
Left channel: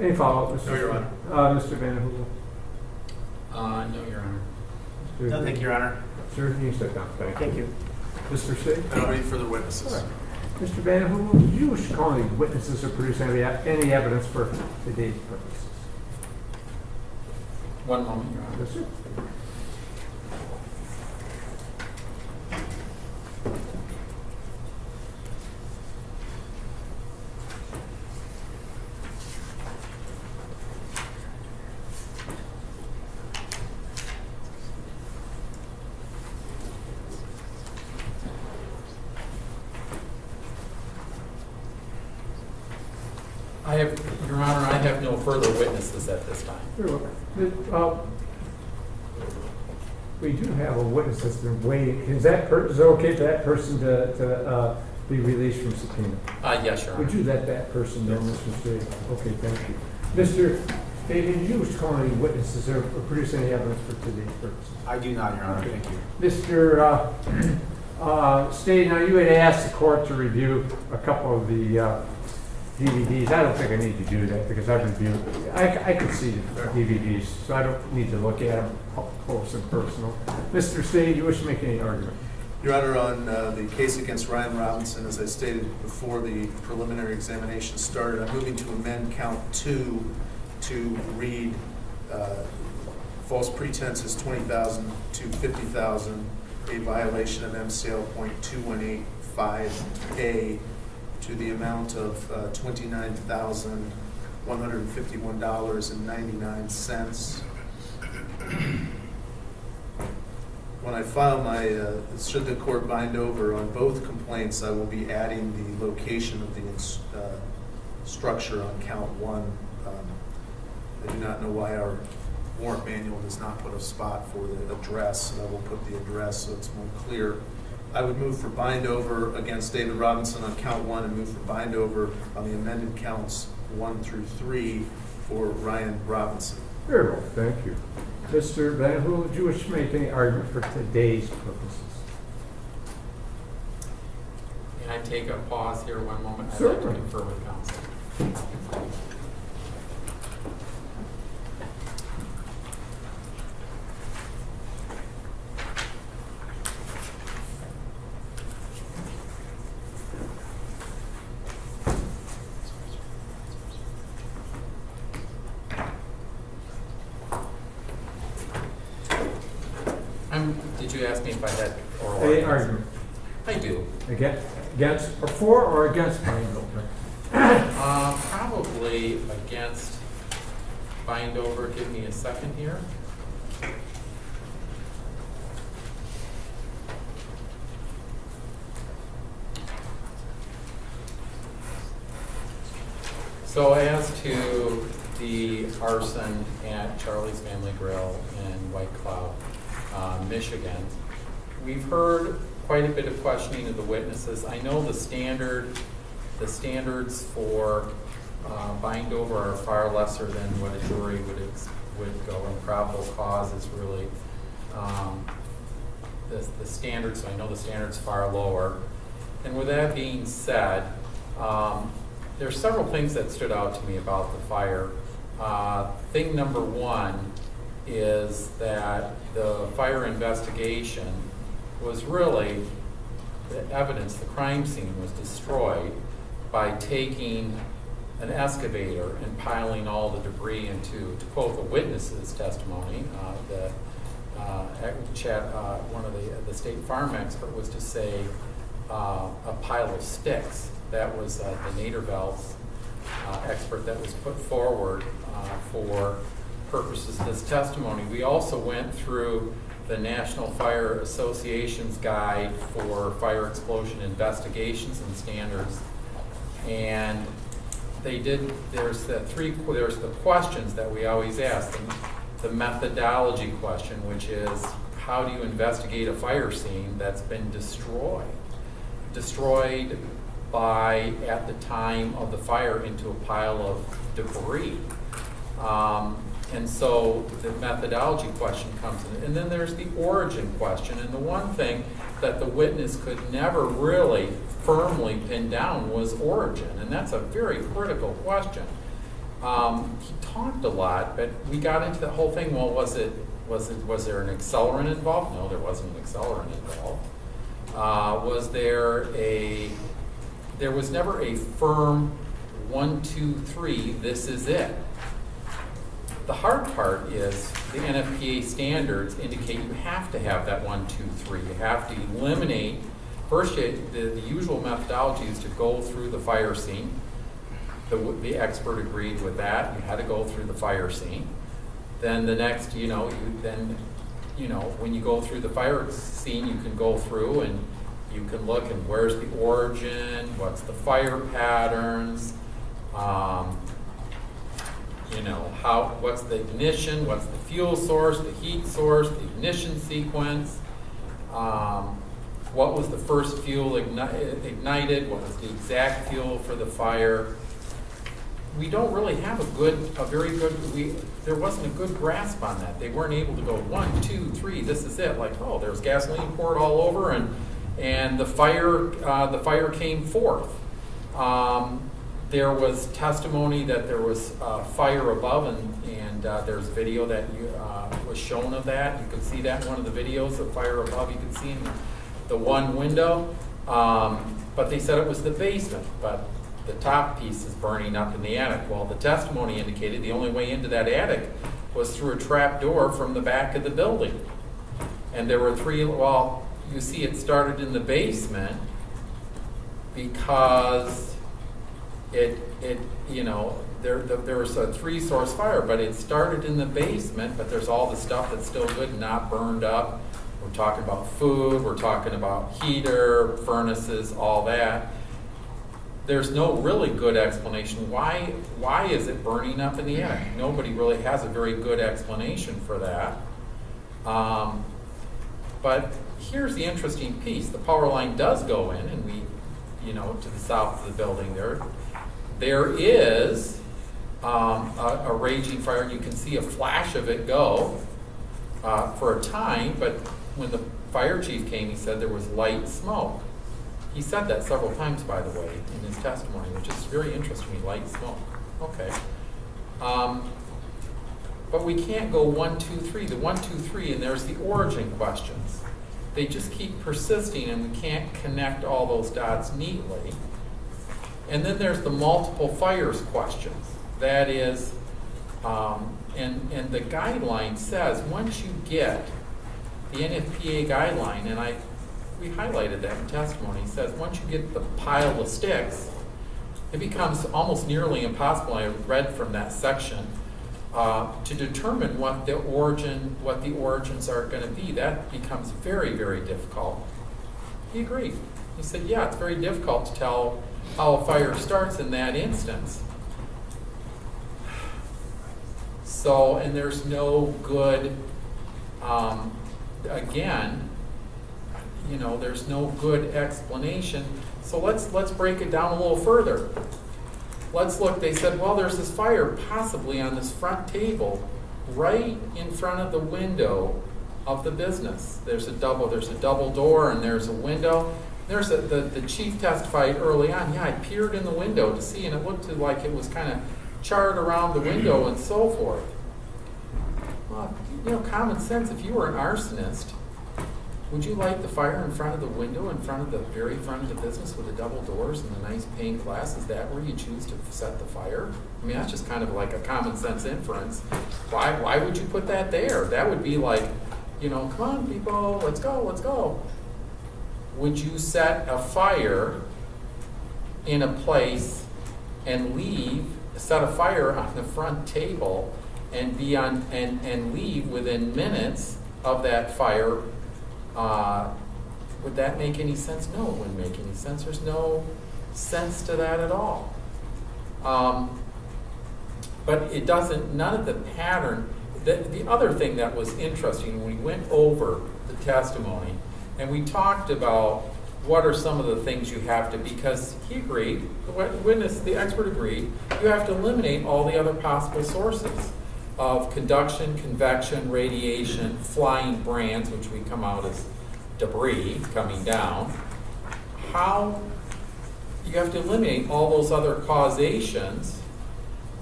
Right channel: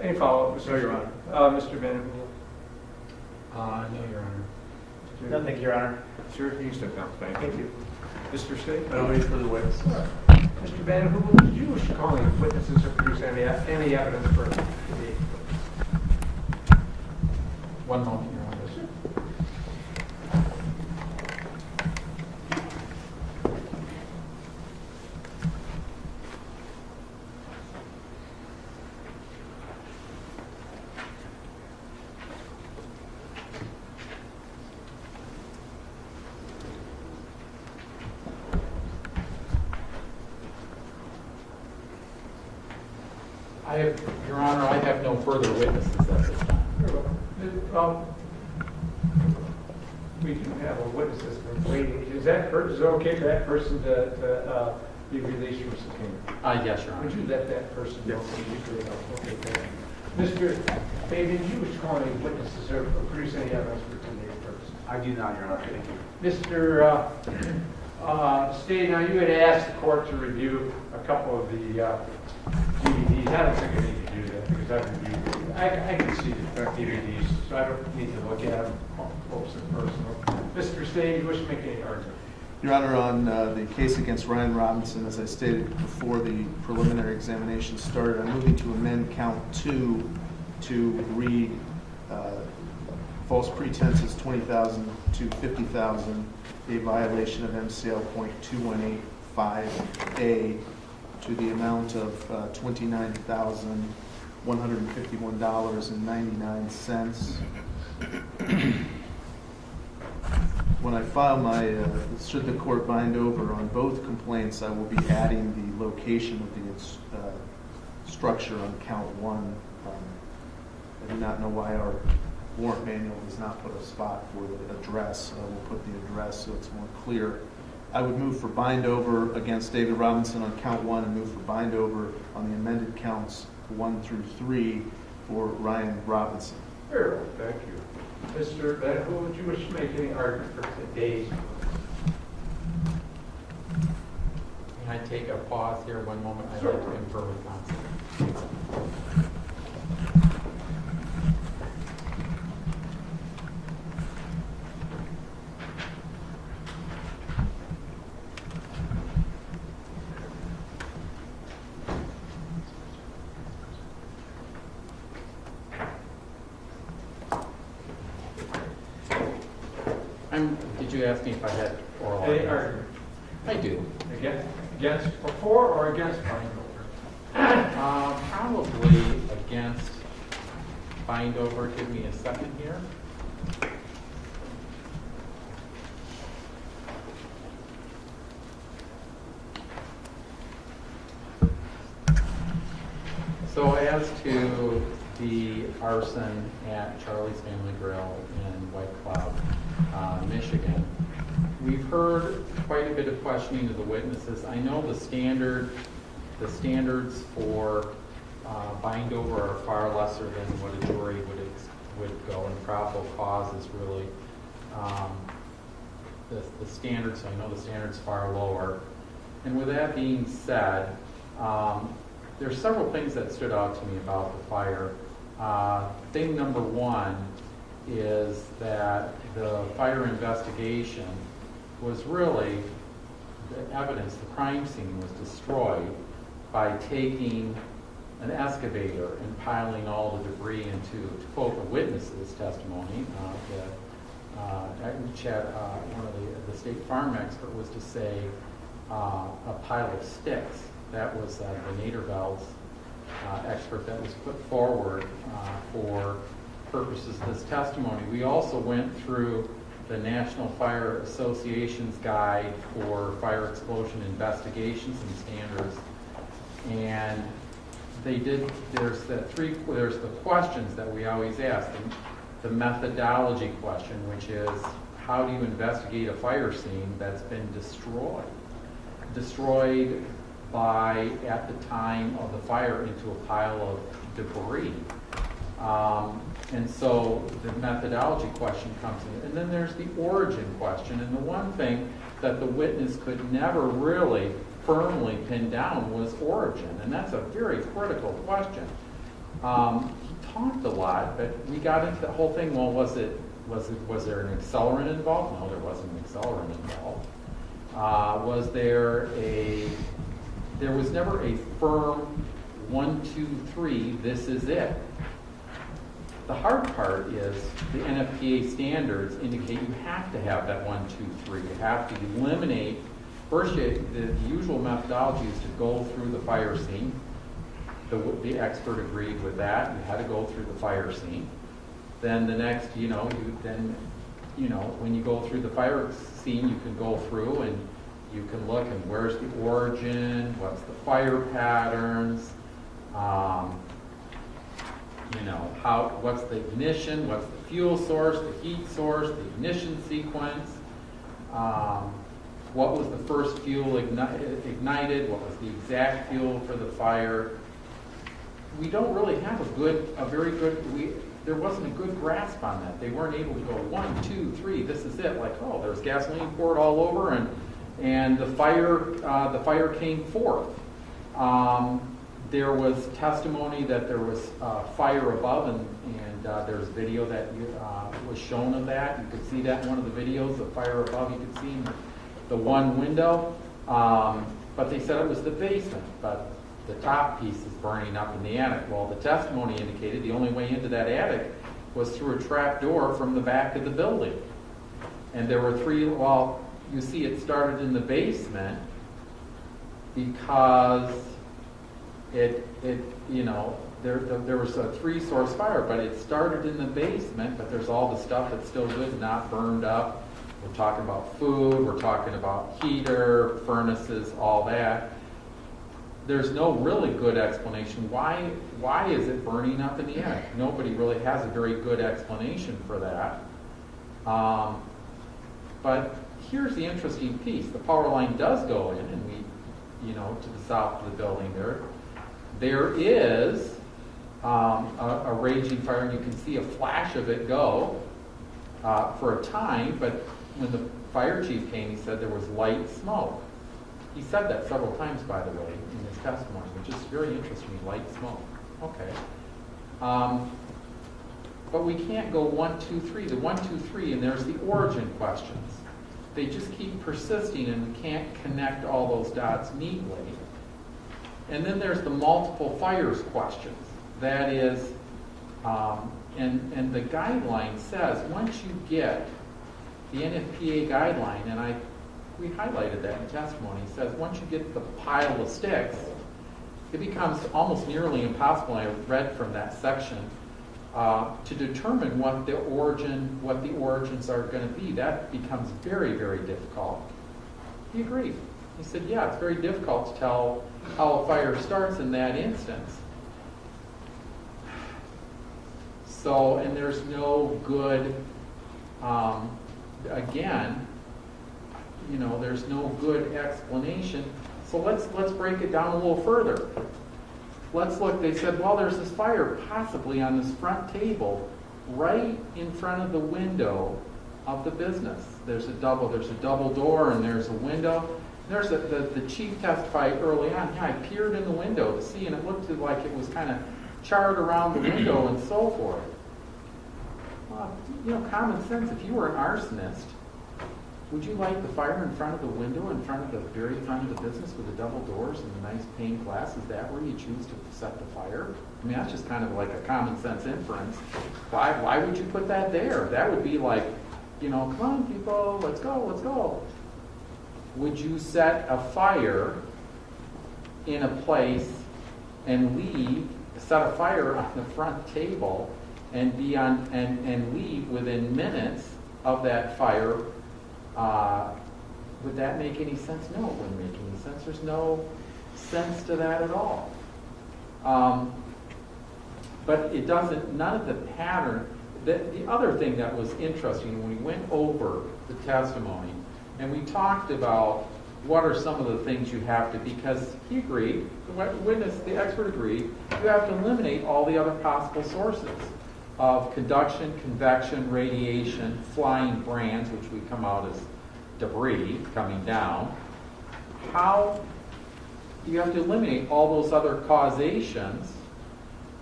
Any follow-up, Mr. No, Your Honor. Mr. Van Hool? No, Your Honor. No, thank you, Your Honor. Sir, you can step down. Thank you. Mr. State? I'll wait for the witnesses. Mr. Van Hool, did you wish to call any witnesses or produce any evidence for today's purpose? One moment, Your Honor. Yes, sir. Your Honor, I have no further witnesses at this time. Well, we do have a witness that's been waiting. Is it okay for that person to be released from subpoena? Yes, Your Honor. Would you let that person know, Mr. Straight? Okay, thank you. Mr. David, you was calling any witnesses or produce any evidence for today's purpose? I do not, Your Honor, thank you. Mr. Stady, now you had asked the court to review a couple of the DVDs. I don't think I need to do that because I've reviewed, I can see the DVDs, so I don't need to look at them up close and personal. Mr. Stady, you wish to make any argument? Your Honor, on the case against Ryan Robinson, as I stated before the preliminary examination started, I'm moving to amend count 2 to read false pretenses 20,000 to 50,000, a violation of MCL .2185A to the amount of $29,151.99. When I file my, should the court bind over on both complaints, I will be adding the location of the structure on count 1. I do not know why our warrant manual does not put a spot for the address. I will put the address so it's more clear. I would move for bind over against David Robinson on count 1 and move for bind over on the amended counts 1 through 3 for Ryan Robinson. Very well, thank you. Mr. Van, who would you wish to make any argument for today's purposes? Can I take a pause here one moment? I'd like to Certainly. confer with counsel. Did you ask me if I had oral Any arguments? argument? I do. Against, or for or against bind over? Probably against bind over. Give me a second here. So as to the arson at Charlie's Family Grill in White Cloud, Michigan, we've heard quite a bit of questioning of the witnesses. I know the standards for bind over are far lesser than what a jury would go, and probable cause is really the standards. So I know the standards far lower. And with that being said, there's several things that stood out to me about the fire. Thing number one is that the fire investigation was really the evidence, the crime scene was destroyed by taking an excavator and piling all the debris into, to quote the witness's testimony, one of the state farm expert was to say a pile of sticks. That was the Naderville's expert that was put forward for purposes of this testimony. We also went through the National Fire Association's guide for fire explosion investigations and standards, and they did. There's the questions that we always ask. The methodology question, which is how do you investigate a fire scene that's been destroyed by, at the time of the fire, into a pile of debris. And so the methodology question comes in. And then there's the origin question. And the one thing that the witness could never really firmly pin down was origin. And that's a very critical question. He talked a lot, but we got into the whole thing. Well, was there an accelerant involved? No, there wasn't an accelerant involved. There was never a firm 1, 2, 3, this is it. The hard part is the NFPA standards indicate you have to have that 1, 2, 3. You have to eliminate, first the usual methodology is to go through the fire scene. The expert agreed with that. You had to go through the fire scene. Then the next, when you go through the fire scene, you can go through and you can look and where's the origin, what's the fire patterns, You know, what's the ignition, what's the fuel source, the heat source, the ignition sequence, what was the first fuel ignited, what was the exact fuel for the fire. We don't really have there wasn't a good grasp on that. They weren't able to go 1, 2, 3, this is it. Like, oh, there's gasoline poured all over, and the fire came forth. There was testimony that there was fire above, and there's video that was shown of that. You could see that in one of the videos, the fire above. You could see in the one window, but they said it was the basement, but the top piece is burning up in the attic. Well, the testimony indicated the only way into that attic was through a trap door from the back of the building. And there were you see it started in the basement because there was a 3-source fire, but it started in the basement, but there's all the stuff that's still good and not burned up. We're talking about food, we're talking about heater, furnaces, all that. There's no really good explanation. Why is it burning up in the attic? Nobody really has a very good explanation for that. But here's the interesting piece. The power line does go in, and to the south of the building there is a raging fire, and you can see a flash of it go for a time, but when the fire chief came, he said there was light smoke. He said that several times, by the way, in his testimony, which is very interesting, light smoke. Okay. But we can't go 1, 2, 3. The 1, 2, 3, and there's the origin questions. They just keep persisting, and we can't connect all those dots neatly. And then there's the multiple fires questions. That is, and the guideline says once you get the NFPA guideline, and we highlighted that in testimony, it says once you get the pile of sticks, it becomes almost nearly impossible, I read from that section, to determine what the origins are going to be. That becomes very, very difficult. He agreed. He said, yeah, it's very difficult to tell how a fire starts in that instance. So, and there's no good, there's no good explanation. So let's break it down a little further. Let's look, they said, well, there's this fire possibly on this front table right in front of the window of the business. There's a double door, and there's a window. The chief testified early on, yeah, I peered in the window to see, and it looked like it was kind of charred around the window and so forth. Well, common sense, if you were an arsonist, would you light the fire in front of the window, in front of the very front of the business with the double doors and the nice pane glass? Is that where you choose to set the fire? I mean, that's just kind of like a common sense inference. Why would you put that there? That would be like, come on people, let's go. Would you set a fire in a place and set a fire on the front table and and leave within minutes of that fire? Would that make any sense? No, it wouldn't make any sense. There's no sense to that at all. But it doesn't, none of the pattern, the other thing that was interesting, when we went over the testimony and we talked about what are some of the things you have to, because he agreed, the expert agreed, you have to eliminate all the other possible sources of conduction, convection, radiation, flying brands, which we come out as debris coming down. How you have to eliminate all those other causations.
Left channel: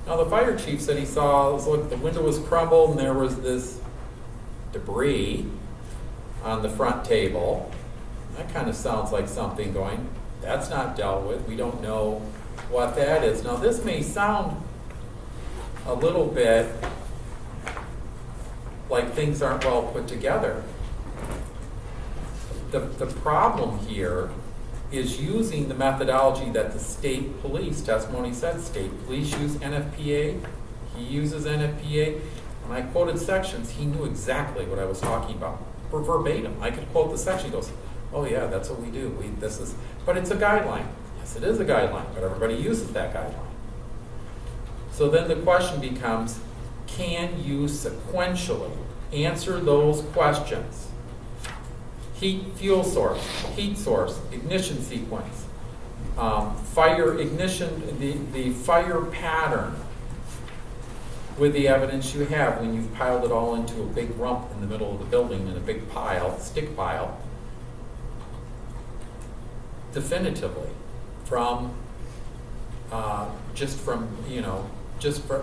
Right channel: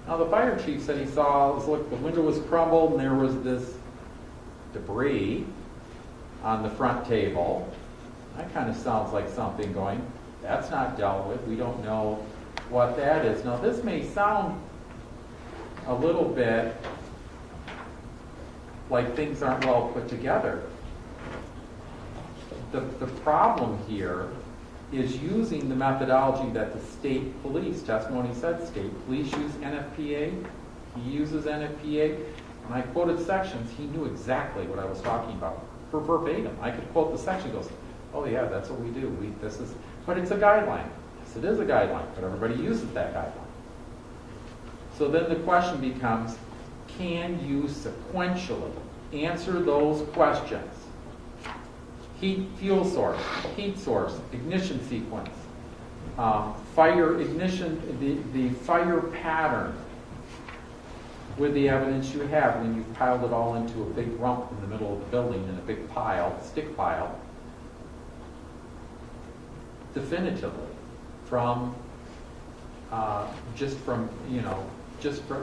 Now the fire chief said he saw, the window was crumbled and there was this debris on the front table. That kind of sounds like something going, that's not dealt with. We don't know what that is. Now this may sound a little bit like things aren't well put together. The problem here is using the methodology that the state police testimony said. State police use NFPA. He uses NFPA. When I quoted sections, he knew exactly what I was talking about. Verbatim. I could quote the section. He goes, oh yeah, that's what we do. But it's a guideline. Yes, it is a guideline, but everybody uses that guideline. So then the question becomes, can you sequentially answer those questions? Heat, fuel source, heat source, ignition sequence, fire ignition, the fire pattern with the evidence you have when you've piled it all into a big rump in the middle of the building in a big pile, stick pile, definitively from,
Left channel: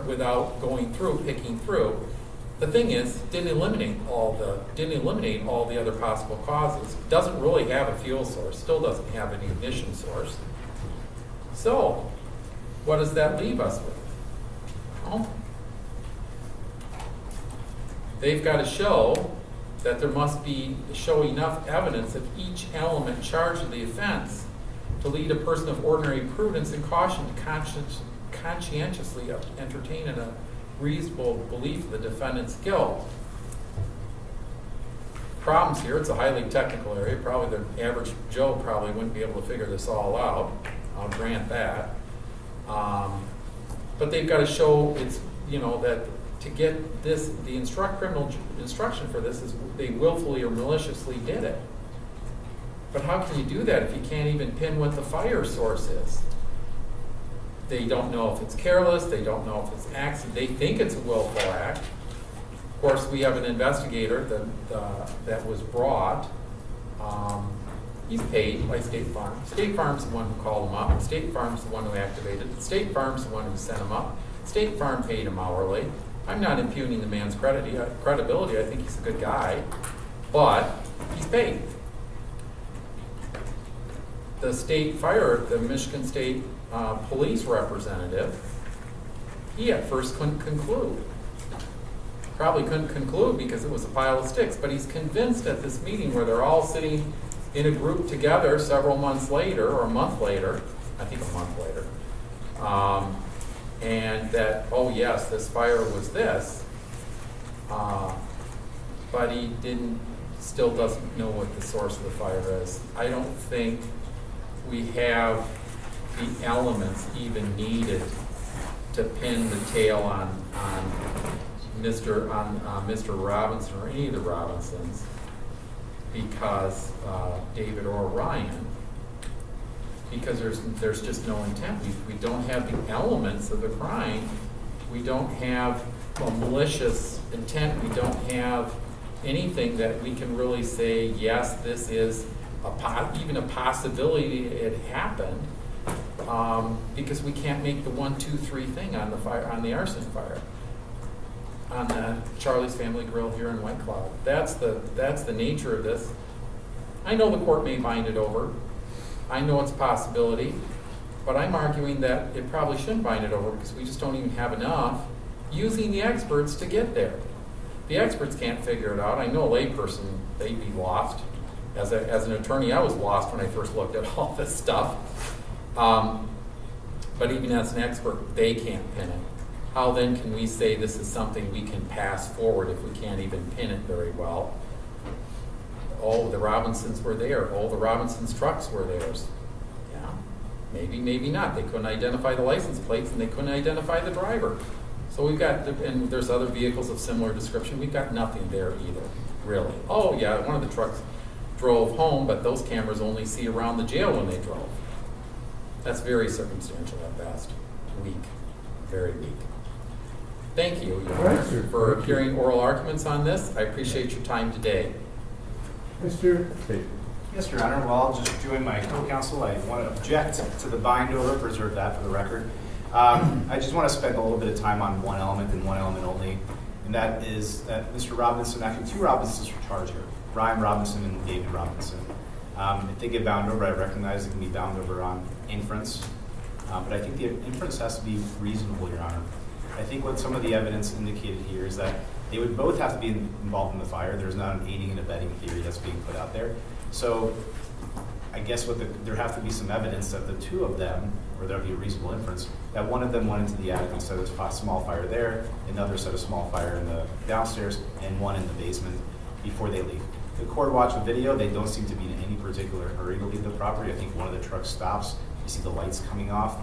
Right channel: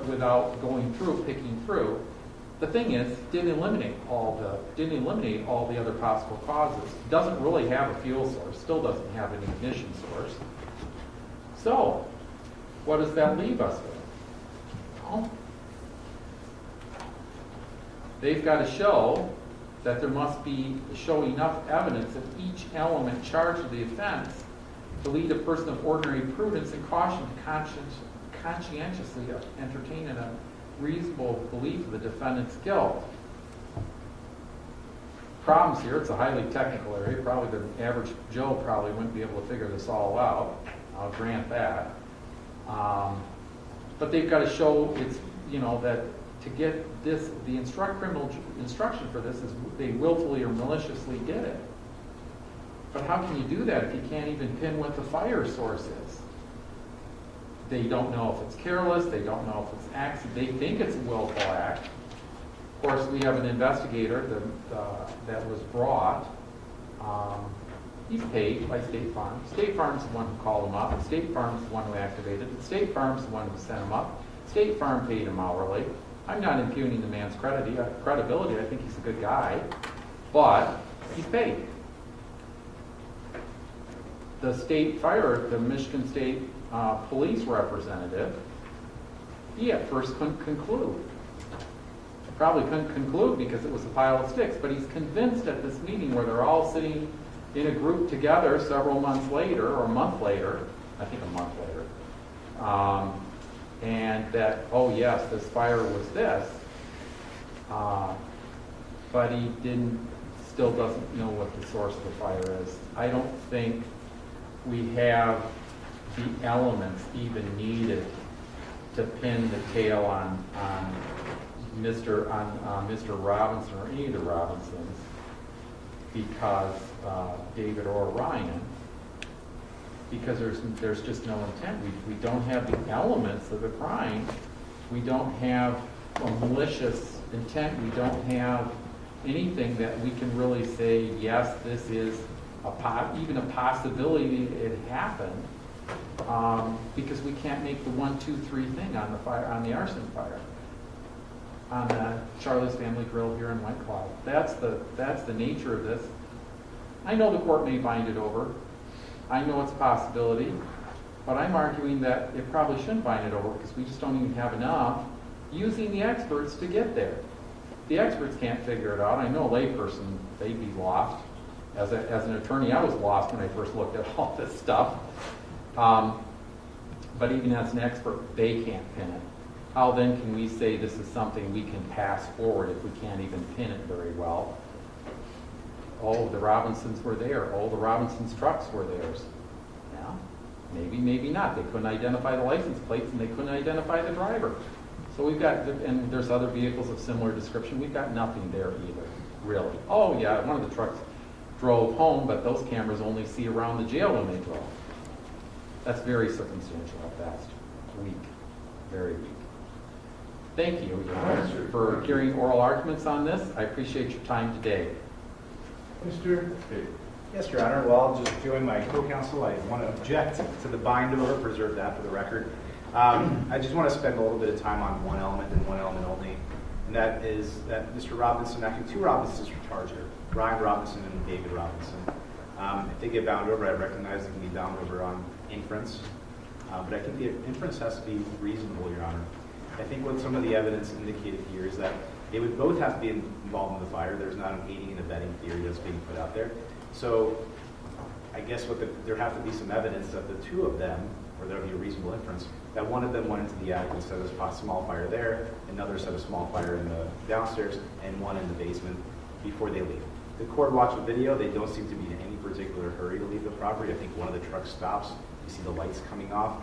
without going through, picking through. The thing is, didn't eliminate all the other possible causes. Doesn't really have a fuel source, still doesn't have an ignition source. So, what does that leave us with? Well, they've got to show that there must show enough evidence of each element charged with the offense to lead a person of ordinary prudence and caution to conscientiously entertain a reasonable belief of the defendant's guilt. Problems here, it's a highly technical area. Probably the average Joe probably wouldn't be able to figure this all out. I'll grant that. But they've got to show that to get this, the criminal instruction for this is they willfully or maliciously did it. But how can you do that if you can't even pin what the fire source is? They don't know if it's careless, they don't know if it's accident, they think it's a willful act. Of course, we have an investigator that was brought. He's paid by State Farm. State Farm's the one who called him up. State Farm's the one who activated it. State Farm's the one who sent him up. State Farm paid him hourly. I'm not impugning the man's credibility. I think he's a good guy, but he's paid. The Michigan State Police representative, he at first couldn't conclude. Probably couldn't conclude because it was a pile of sticks, but he's convinced at this meeting where they're all sitting in a group together several months later, or a month later, I think a month later, and that, oh yes, this fire was this, but he still doesn't know what the source of the fire is. I don't think we have the elements even needed to pin the tail on Mr. Robinson or any of the Robinsons because David or Ryan, because there's just no intent. We don't have the elements of the crime. We don't have a malicious intent. We don't have anything that we can really say, yes, this is even a possibility it happened, because we can't make the 1, 2, 3 thing on the fire, on the arson fire, on Charlie's Family Grill here in White Cloud. That's the nature of this. I know the court may bind it over. I know it's a possibility, but I'm arguing that it probably shouldn't bind it over because we just don't even have enough using the experts to get there. The experts can't figure it out. I know a layperson, they'd be lost. As an attorney, I was lost when I first looked at all this stuff. But even as an expert, they can't pin it. How then can we say this is something we can pass forward if we can't even pin it very well? Oh, the Robinsons were there. Oh, the Robinsons' trucks were theirs. Yeah, maybe, maybe not. They couldn't identify the license plates and they couldn't identify the driver. So we've got, and there's other vehicles of similar description. We've got nothing there either, really. Oh yeah, one of the trucks drove home, but those cameras only see around the jail when they drove. That's very circumstantial at best. Weak, very weak. Thank you, Your Honor, for hearing oral arguments on this. I appreciate your time today. Mr. State. Yes, Your Honor. Well, I'll just join my co-counsel. I want to object to the bind over, preserve that for the record. I just want to spend a little bit of time on one element and one element only, and that is that Mr. Robinson, actually 2 Robinsons are charged here, Ryan Robinson and David Robinson. If they get bound over, I recognize it can be bound over on inference, but I think the inference has to be reasonable, Your Honor. I think what some of the evidence indicated here is that they would both have to be involved in the fire. There's not an aiding and abetting theory that's being put out there. So I guess there have to be some evidence that the 2 of them, or there would be a reasonable inference, that one of them went into the attic and set a small fire there, another set a small fire in the downstairs, and one in the basement before they leave. The court watched the video. They don't seem to be in any particular hurry to leave the property. I think one of the trucks stops. You see the lights coming off.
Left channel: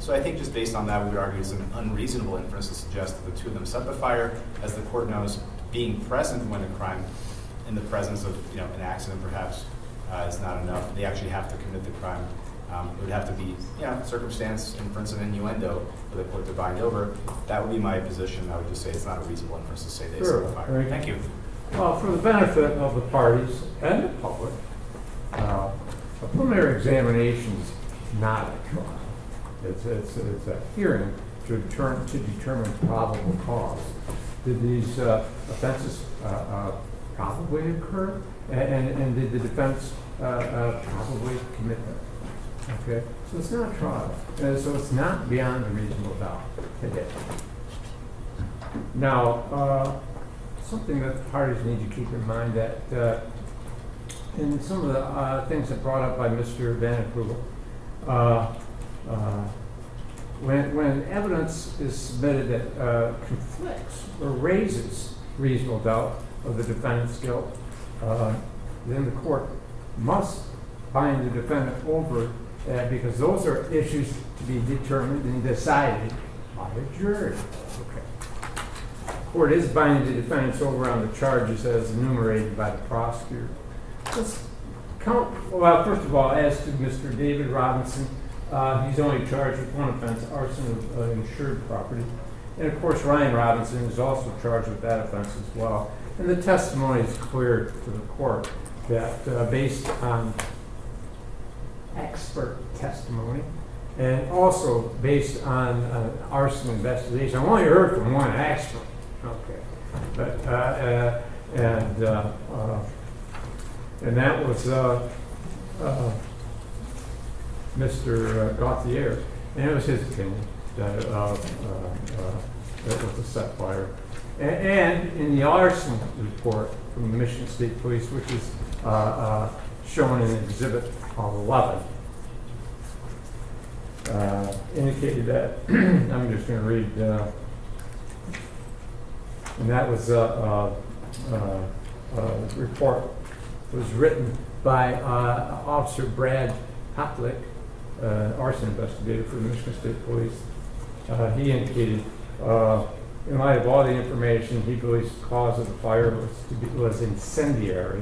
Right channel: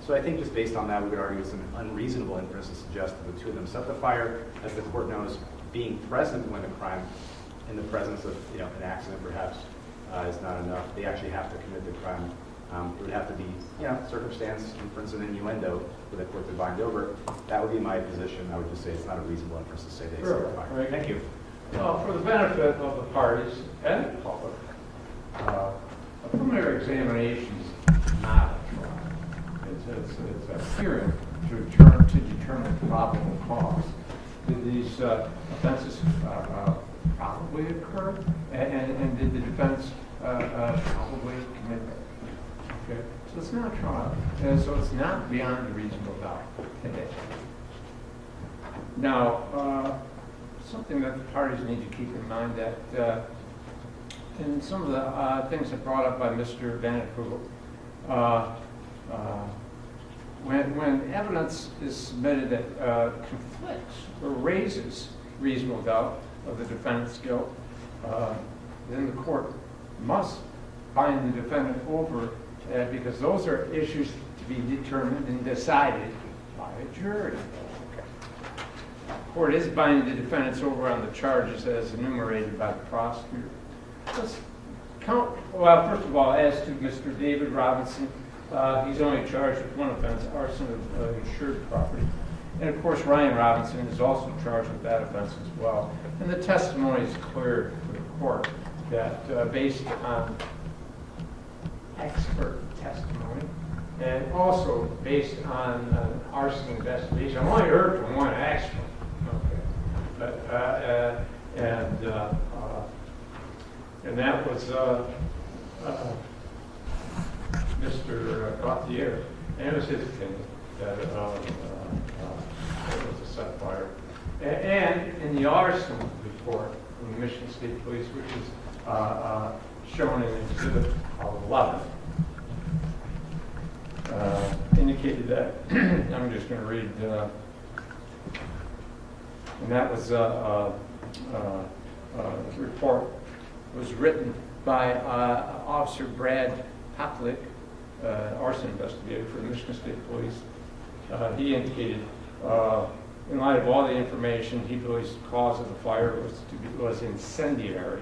So I think just based on that, we would argue it's an unreasonable inference to suggest that the two of them set the fire. As the court knows, being present when a crime, in the presence of an accident perhaps, is not enough. They actually have to commit the crime. It would have to be circumstance, inference, and innuendo for the court to bind over. That would be my position. I would just say it's not a reasonable inference to say they set the fire. Right. Thank you. Well, for the benefit of the parties and the public, a preliminary examination is not a trial. It's a hearing to determine probable cause. Did these offenses probably occur? And did the defense probably commit them? Okay, so it's not a trial, and so it's not beyond a reasonable doubt today. Now, something that the parties need to keep in mind that in some of the things that brought up by Mr. Van Approval, when evidence is submitted that conflicts or raises reasonable doubt of the defendant's guilt, then the court must bind the defendant over that, because those are issues to be determined and decided by a jury. Okay. The court is binding the defendants over on the charges as enumerated by the prosecutor. Let's count. Well, first of all, as to Mr. David Robinson, he's only charged with one offense, arson of insured property. And of course, Ryan Robinson is also charged with that offense as well. And the testimony is clear to the court that based on expert testimony and also based on an arson investigation, I've only heard from one expert, okay, but and that was Mr. Gauthier, and it was his opinion that it was a set fire. And in the arson report from the Michigan State Police, which is shown in Exhibit 11, indicated that, I'm just going to read, and that was a report was written by Officer Brad Hoplik, arson investigator for the Michigan State Police. He indicated, in light of all the information, he believes the cause of the fire was incendiary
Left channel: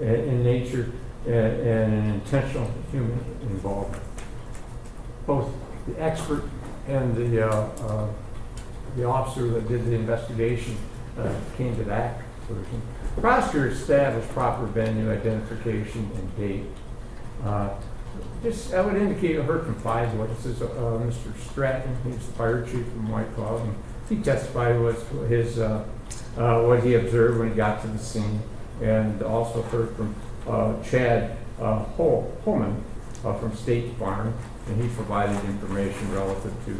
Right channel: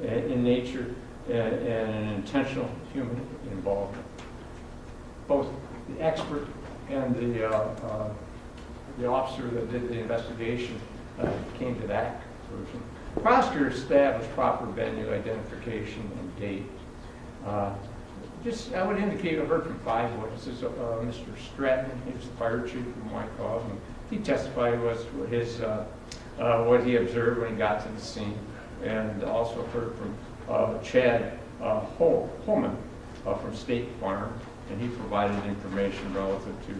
in nature and an intentional human involvement. Both the expert and the officer that did the investigation came to that conclusion. The prosecutor established proper venue, identification, and date. I would indicate I heard from 5 witnesses. Mr. Stratton, he was the fire chief from White Cloud, and he testified was his what he observed when he got to the scene, and also heard from Chad Holman from State Farm, and he provided information relative to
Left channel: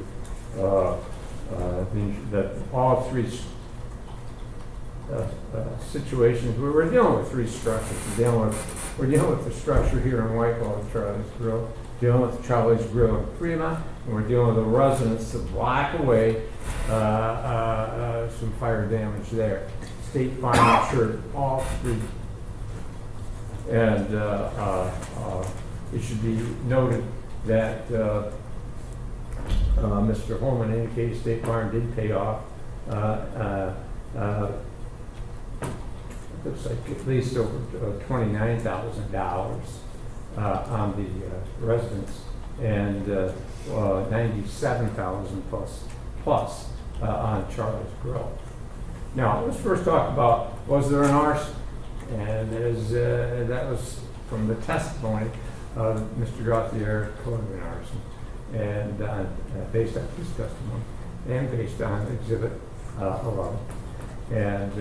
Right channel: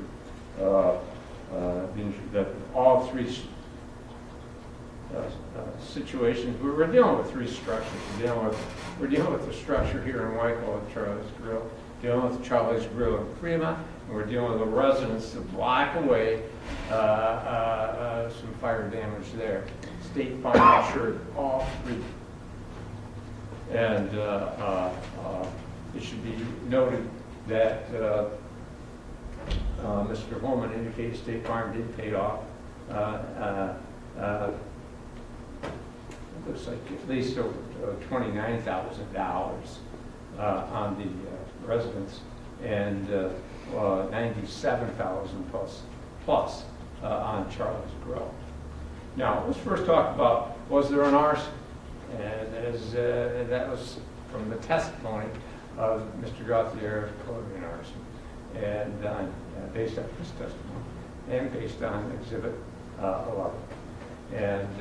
that all 3 situations. We're dealing with 3 structures. We're dealing with the structure here in Whitehall, the Charlie's Grill, dealing with Charlie's Grill in Fremont, and we're dealing with a residence a block away, some fire damage there. State Farm insured all 3. And it should be noted that Mr. Holman indicated State Farm did pay off looks like at least over $29,000 on the residence, and $97,000 plus on Charlie's Grill. Now, let's first talk about, was there an arson? And that was from the testimony of Mr. Gauthier, an arson, and based on his testimony, and based on Exhibit 11. And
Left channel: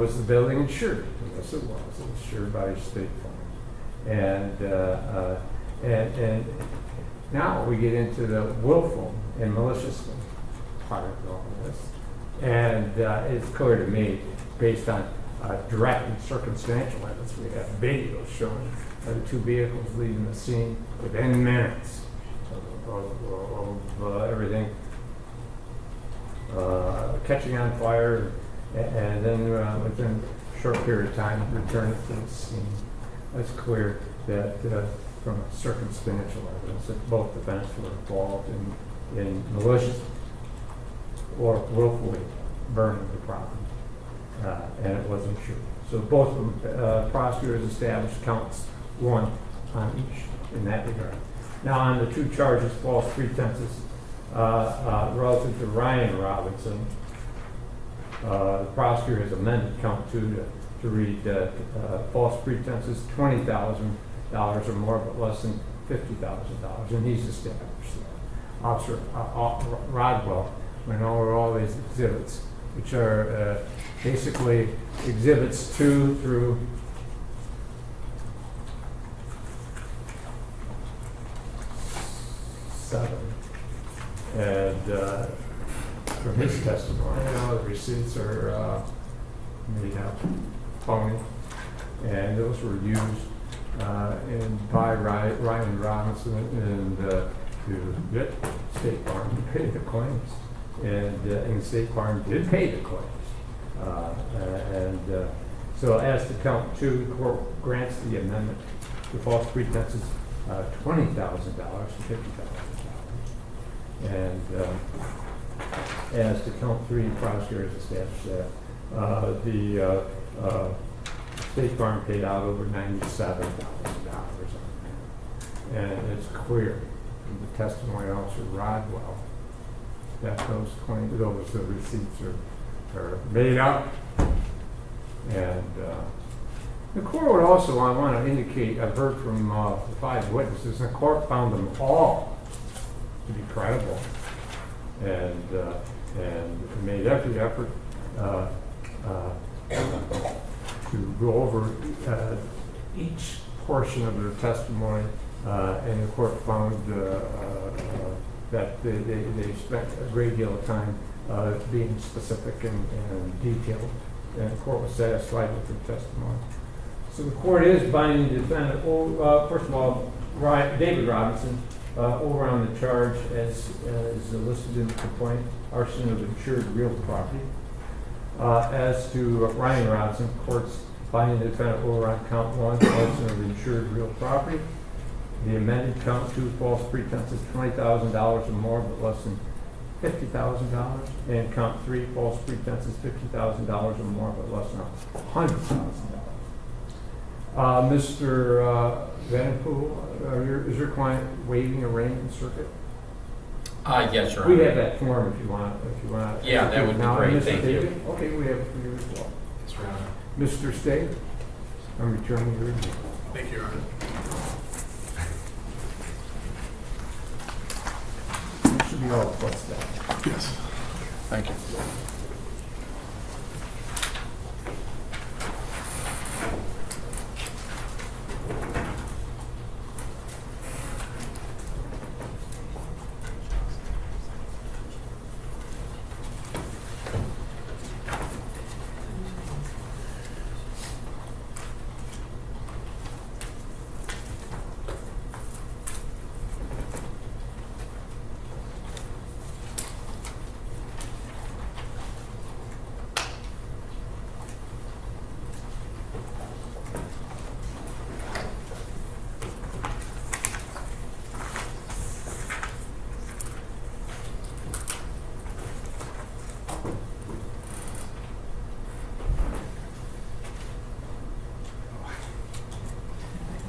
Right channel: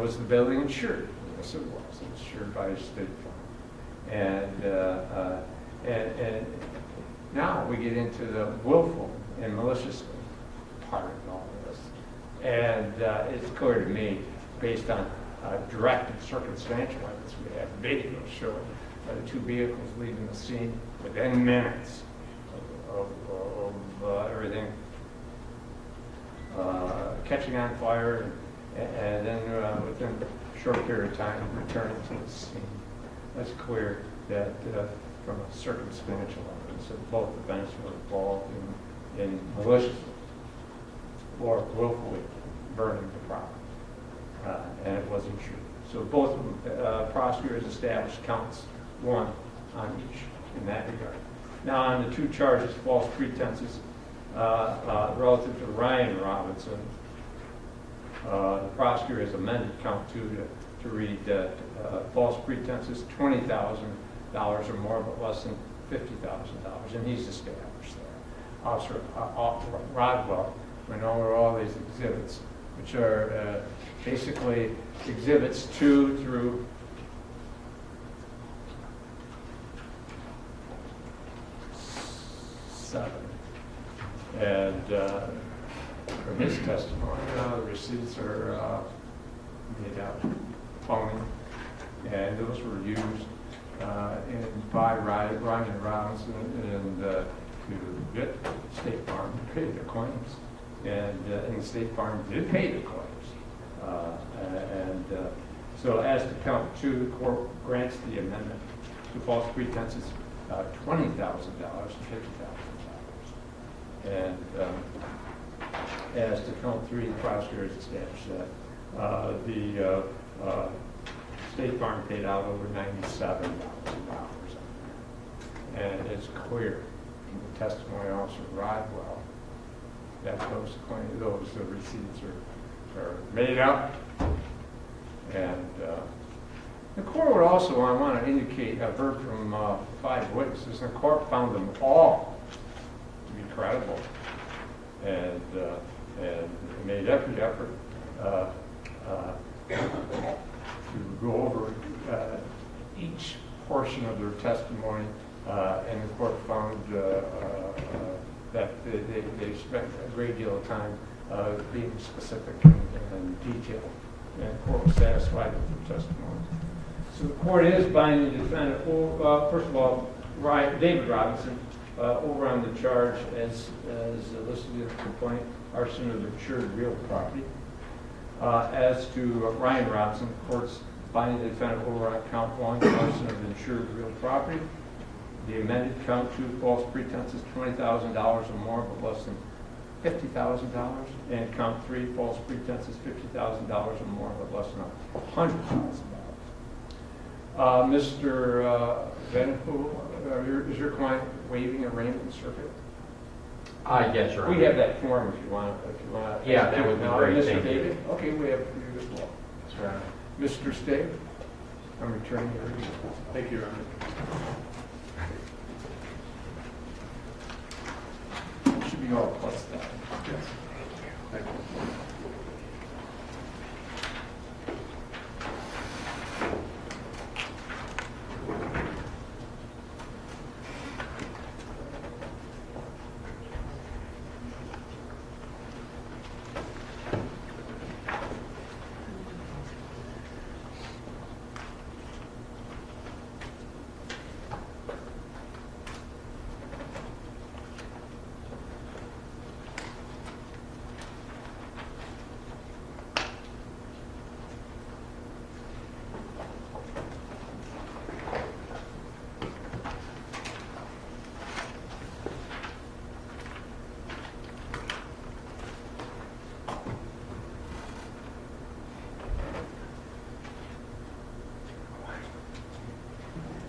was the building insured? Yes, it was. It was insured by State Farm. And now we get into the willful and malicious part of all of this. And it's clear to me, based on direct and circumstantial evidence, we have videos showing the 2 vehicles leaving the scene within minutes of everything catching on fire, and then within a short period of time return it to the scene. That's clear that from circumstantial evidence that both defendants were involved in malicious or willfully burning the property, and it wasn't true. So both prosecutors established counts 1 on each in that regard. Now on the 2 charges, false pretenses relative to Ryan Robinson, the prosecutor has amended count 2 to read false pretenses $20,000 or more, but less than $50,000, and he's established that. Officer Rodwell went over all these exhibits, which are basically exhibits 2 through 7. And from his testimony, the receipts are made up, phony, and those were used by Ryan Robinson and to get State Farm to pay the claims, and State Farm did pay the claims. So as to count 2, the court grants the amendment to false pretenses $20,000 to $50,000. And as to count 3, the prosecutor has established that the State Farm paid out over $97,000 on that. And it's clear in the testimony of Officer Rodwell that those receipts are made up. And the court would also want to indicate, I've heard from 5 witnesses, and the court found them all to be credible, and made every effort to go over each portion of their testimony, and the court found that they spent a great deal of time being specific and detailed, and the court was satisfied with the testimony. So the court is binding the defendant, first of all, David Robinson, over on the charge as listed in the complaint, arson of insured real property. As to Ryan Robinson, court's binding the defendant over on count 1, arson of insured real property. The amended count 2, false pretenses, $20,000 or more, but less than $50,000. And count 3, false pretenses, $50,000 or more, but less than $100,000. Mr. Vanderpool, is your client waiving arraignment circuit? Yes, Your Honor. We have that form if you want. Yeah, that would be Now, great. Mr. Thank you. David? Okay, we have it for you as well. Yes, Your Honor. Mr. State, I'm returning your review. Thank you, Your Honor. It should be all plus that. Yes. Thank you.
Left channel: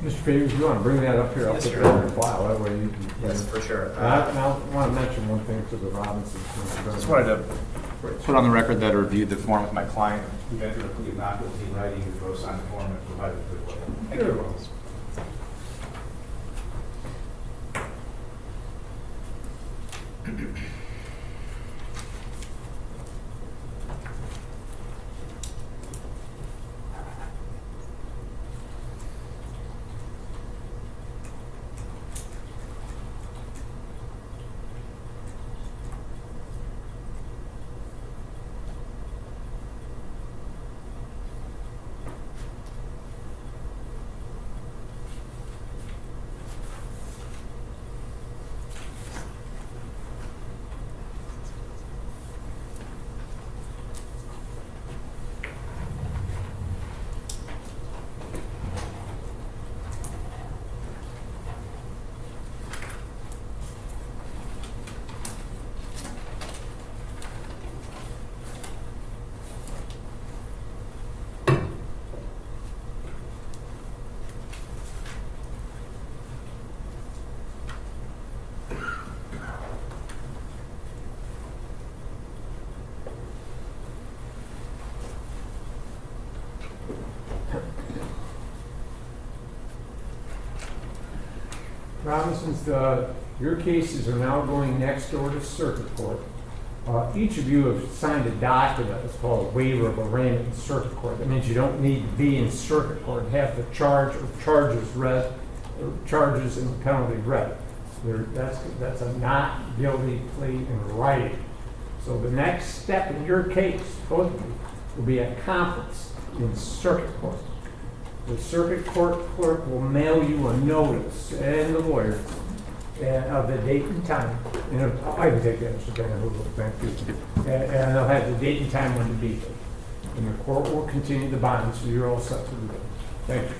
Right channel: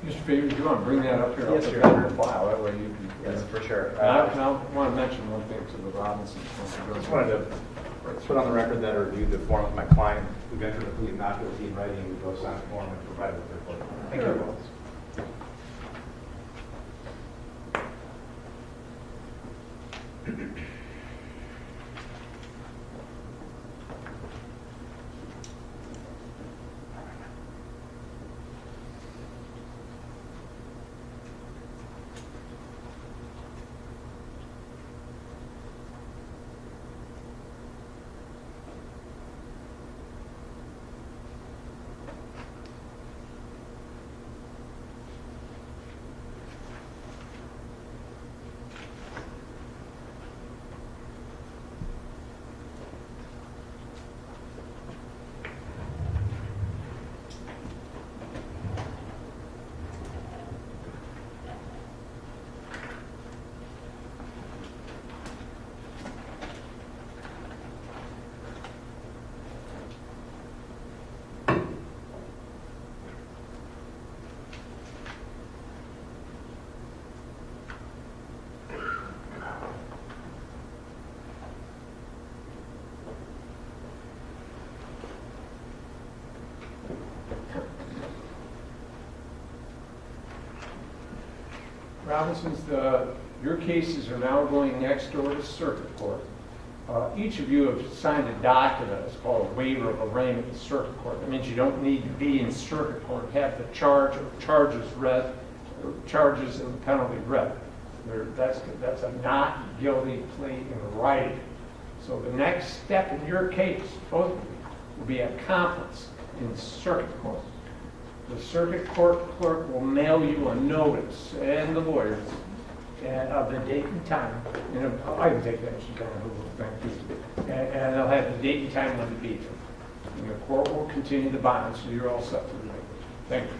Mr. Favors, you want to bring that up here? I'll Yes, put Your that in Honor. the file, that way you can. Yes, for sure. I want to mention one thing to the Robinsons. Just wanted to put on the record that I reviewed the form with my client, who entered a plea of not guilty in writing, who wrote signed the form and provided it to the court. Thank you. Sure. Robinson's, your cases are now going next door to circuit court. Each of you have signed a document, it's called a waiver of arraignment in circuit court. That means you don't need to be in circuit court to have the charge or charges read, or charges and penalty read. That's a not guilty plea in writing. So the next step in your case, both of you, will be a conference in circuit court. The circuit court clerk will mail you a notice, and the lawyer, of the date and time. You know, I can take that, Mr. Van Hoover, thank you. And they'll have the date and time when to be there. And the court will continue the bond, so you're all set to go. Thank you.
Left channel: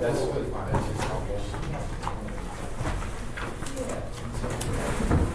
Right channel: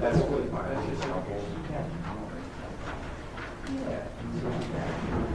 That's really fine.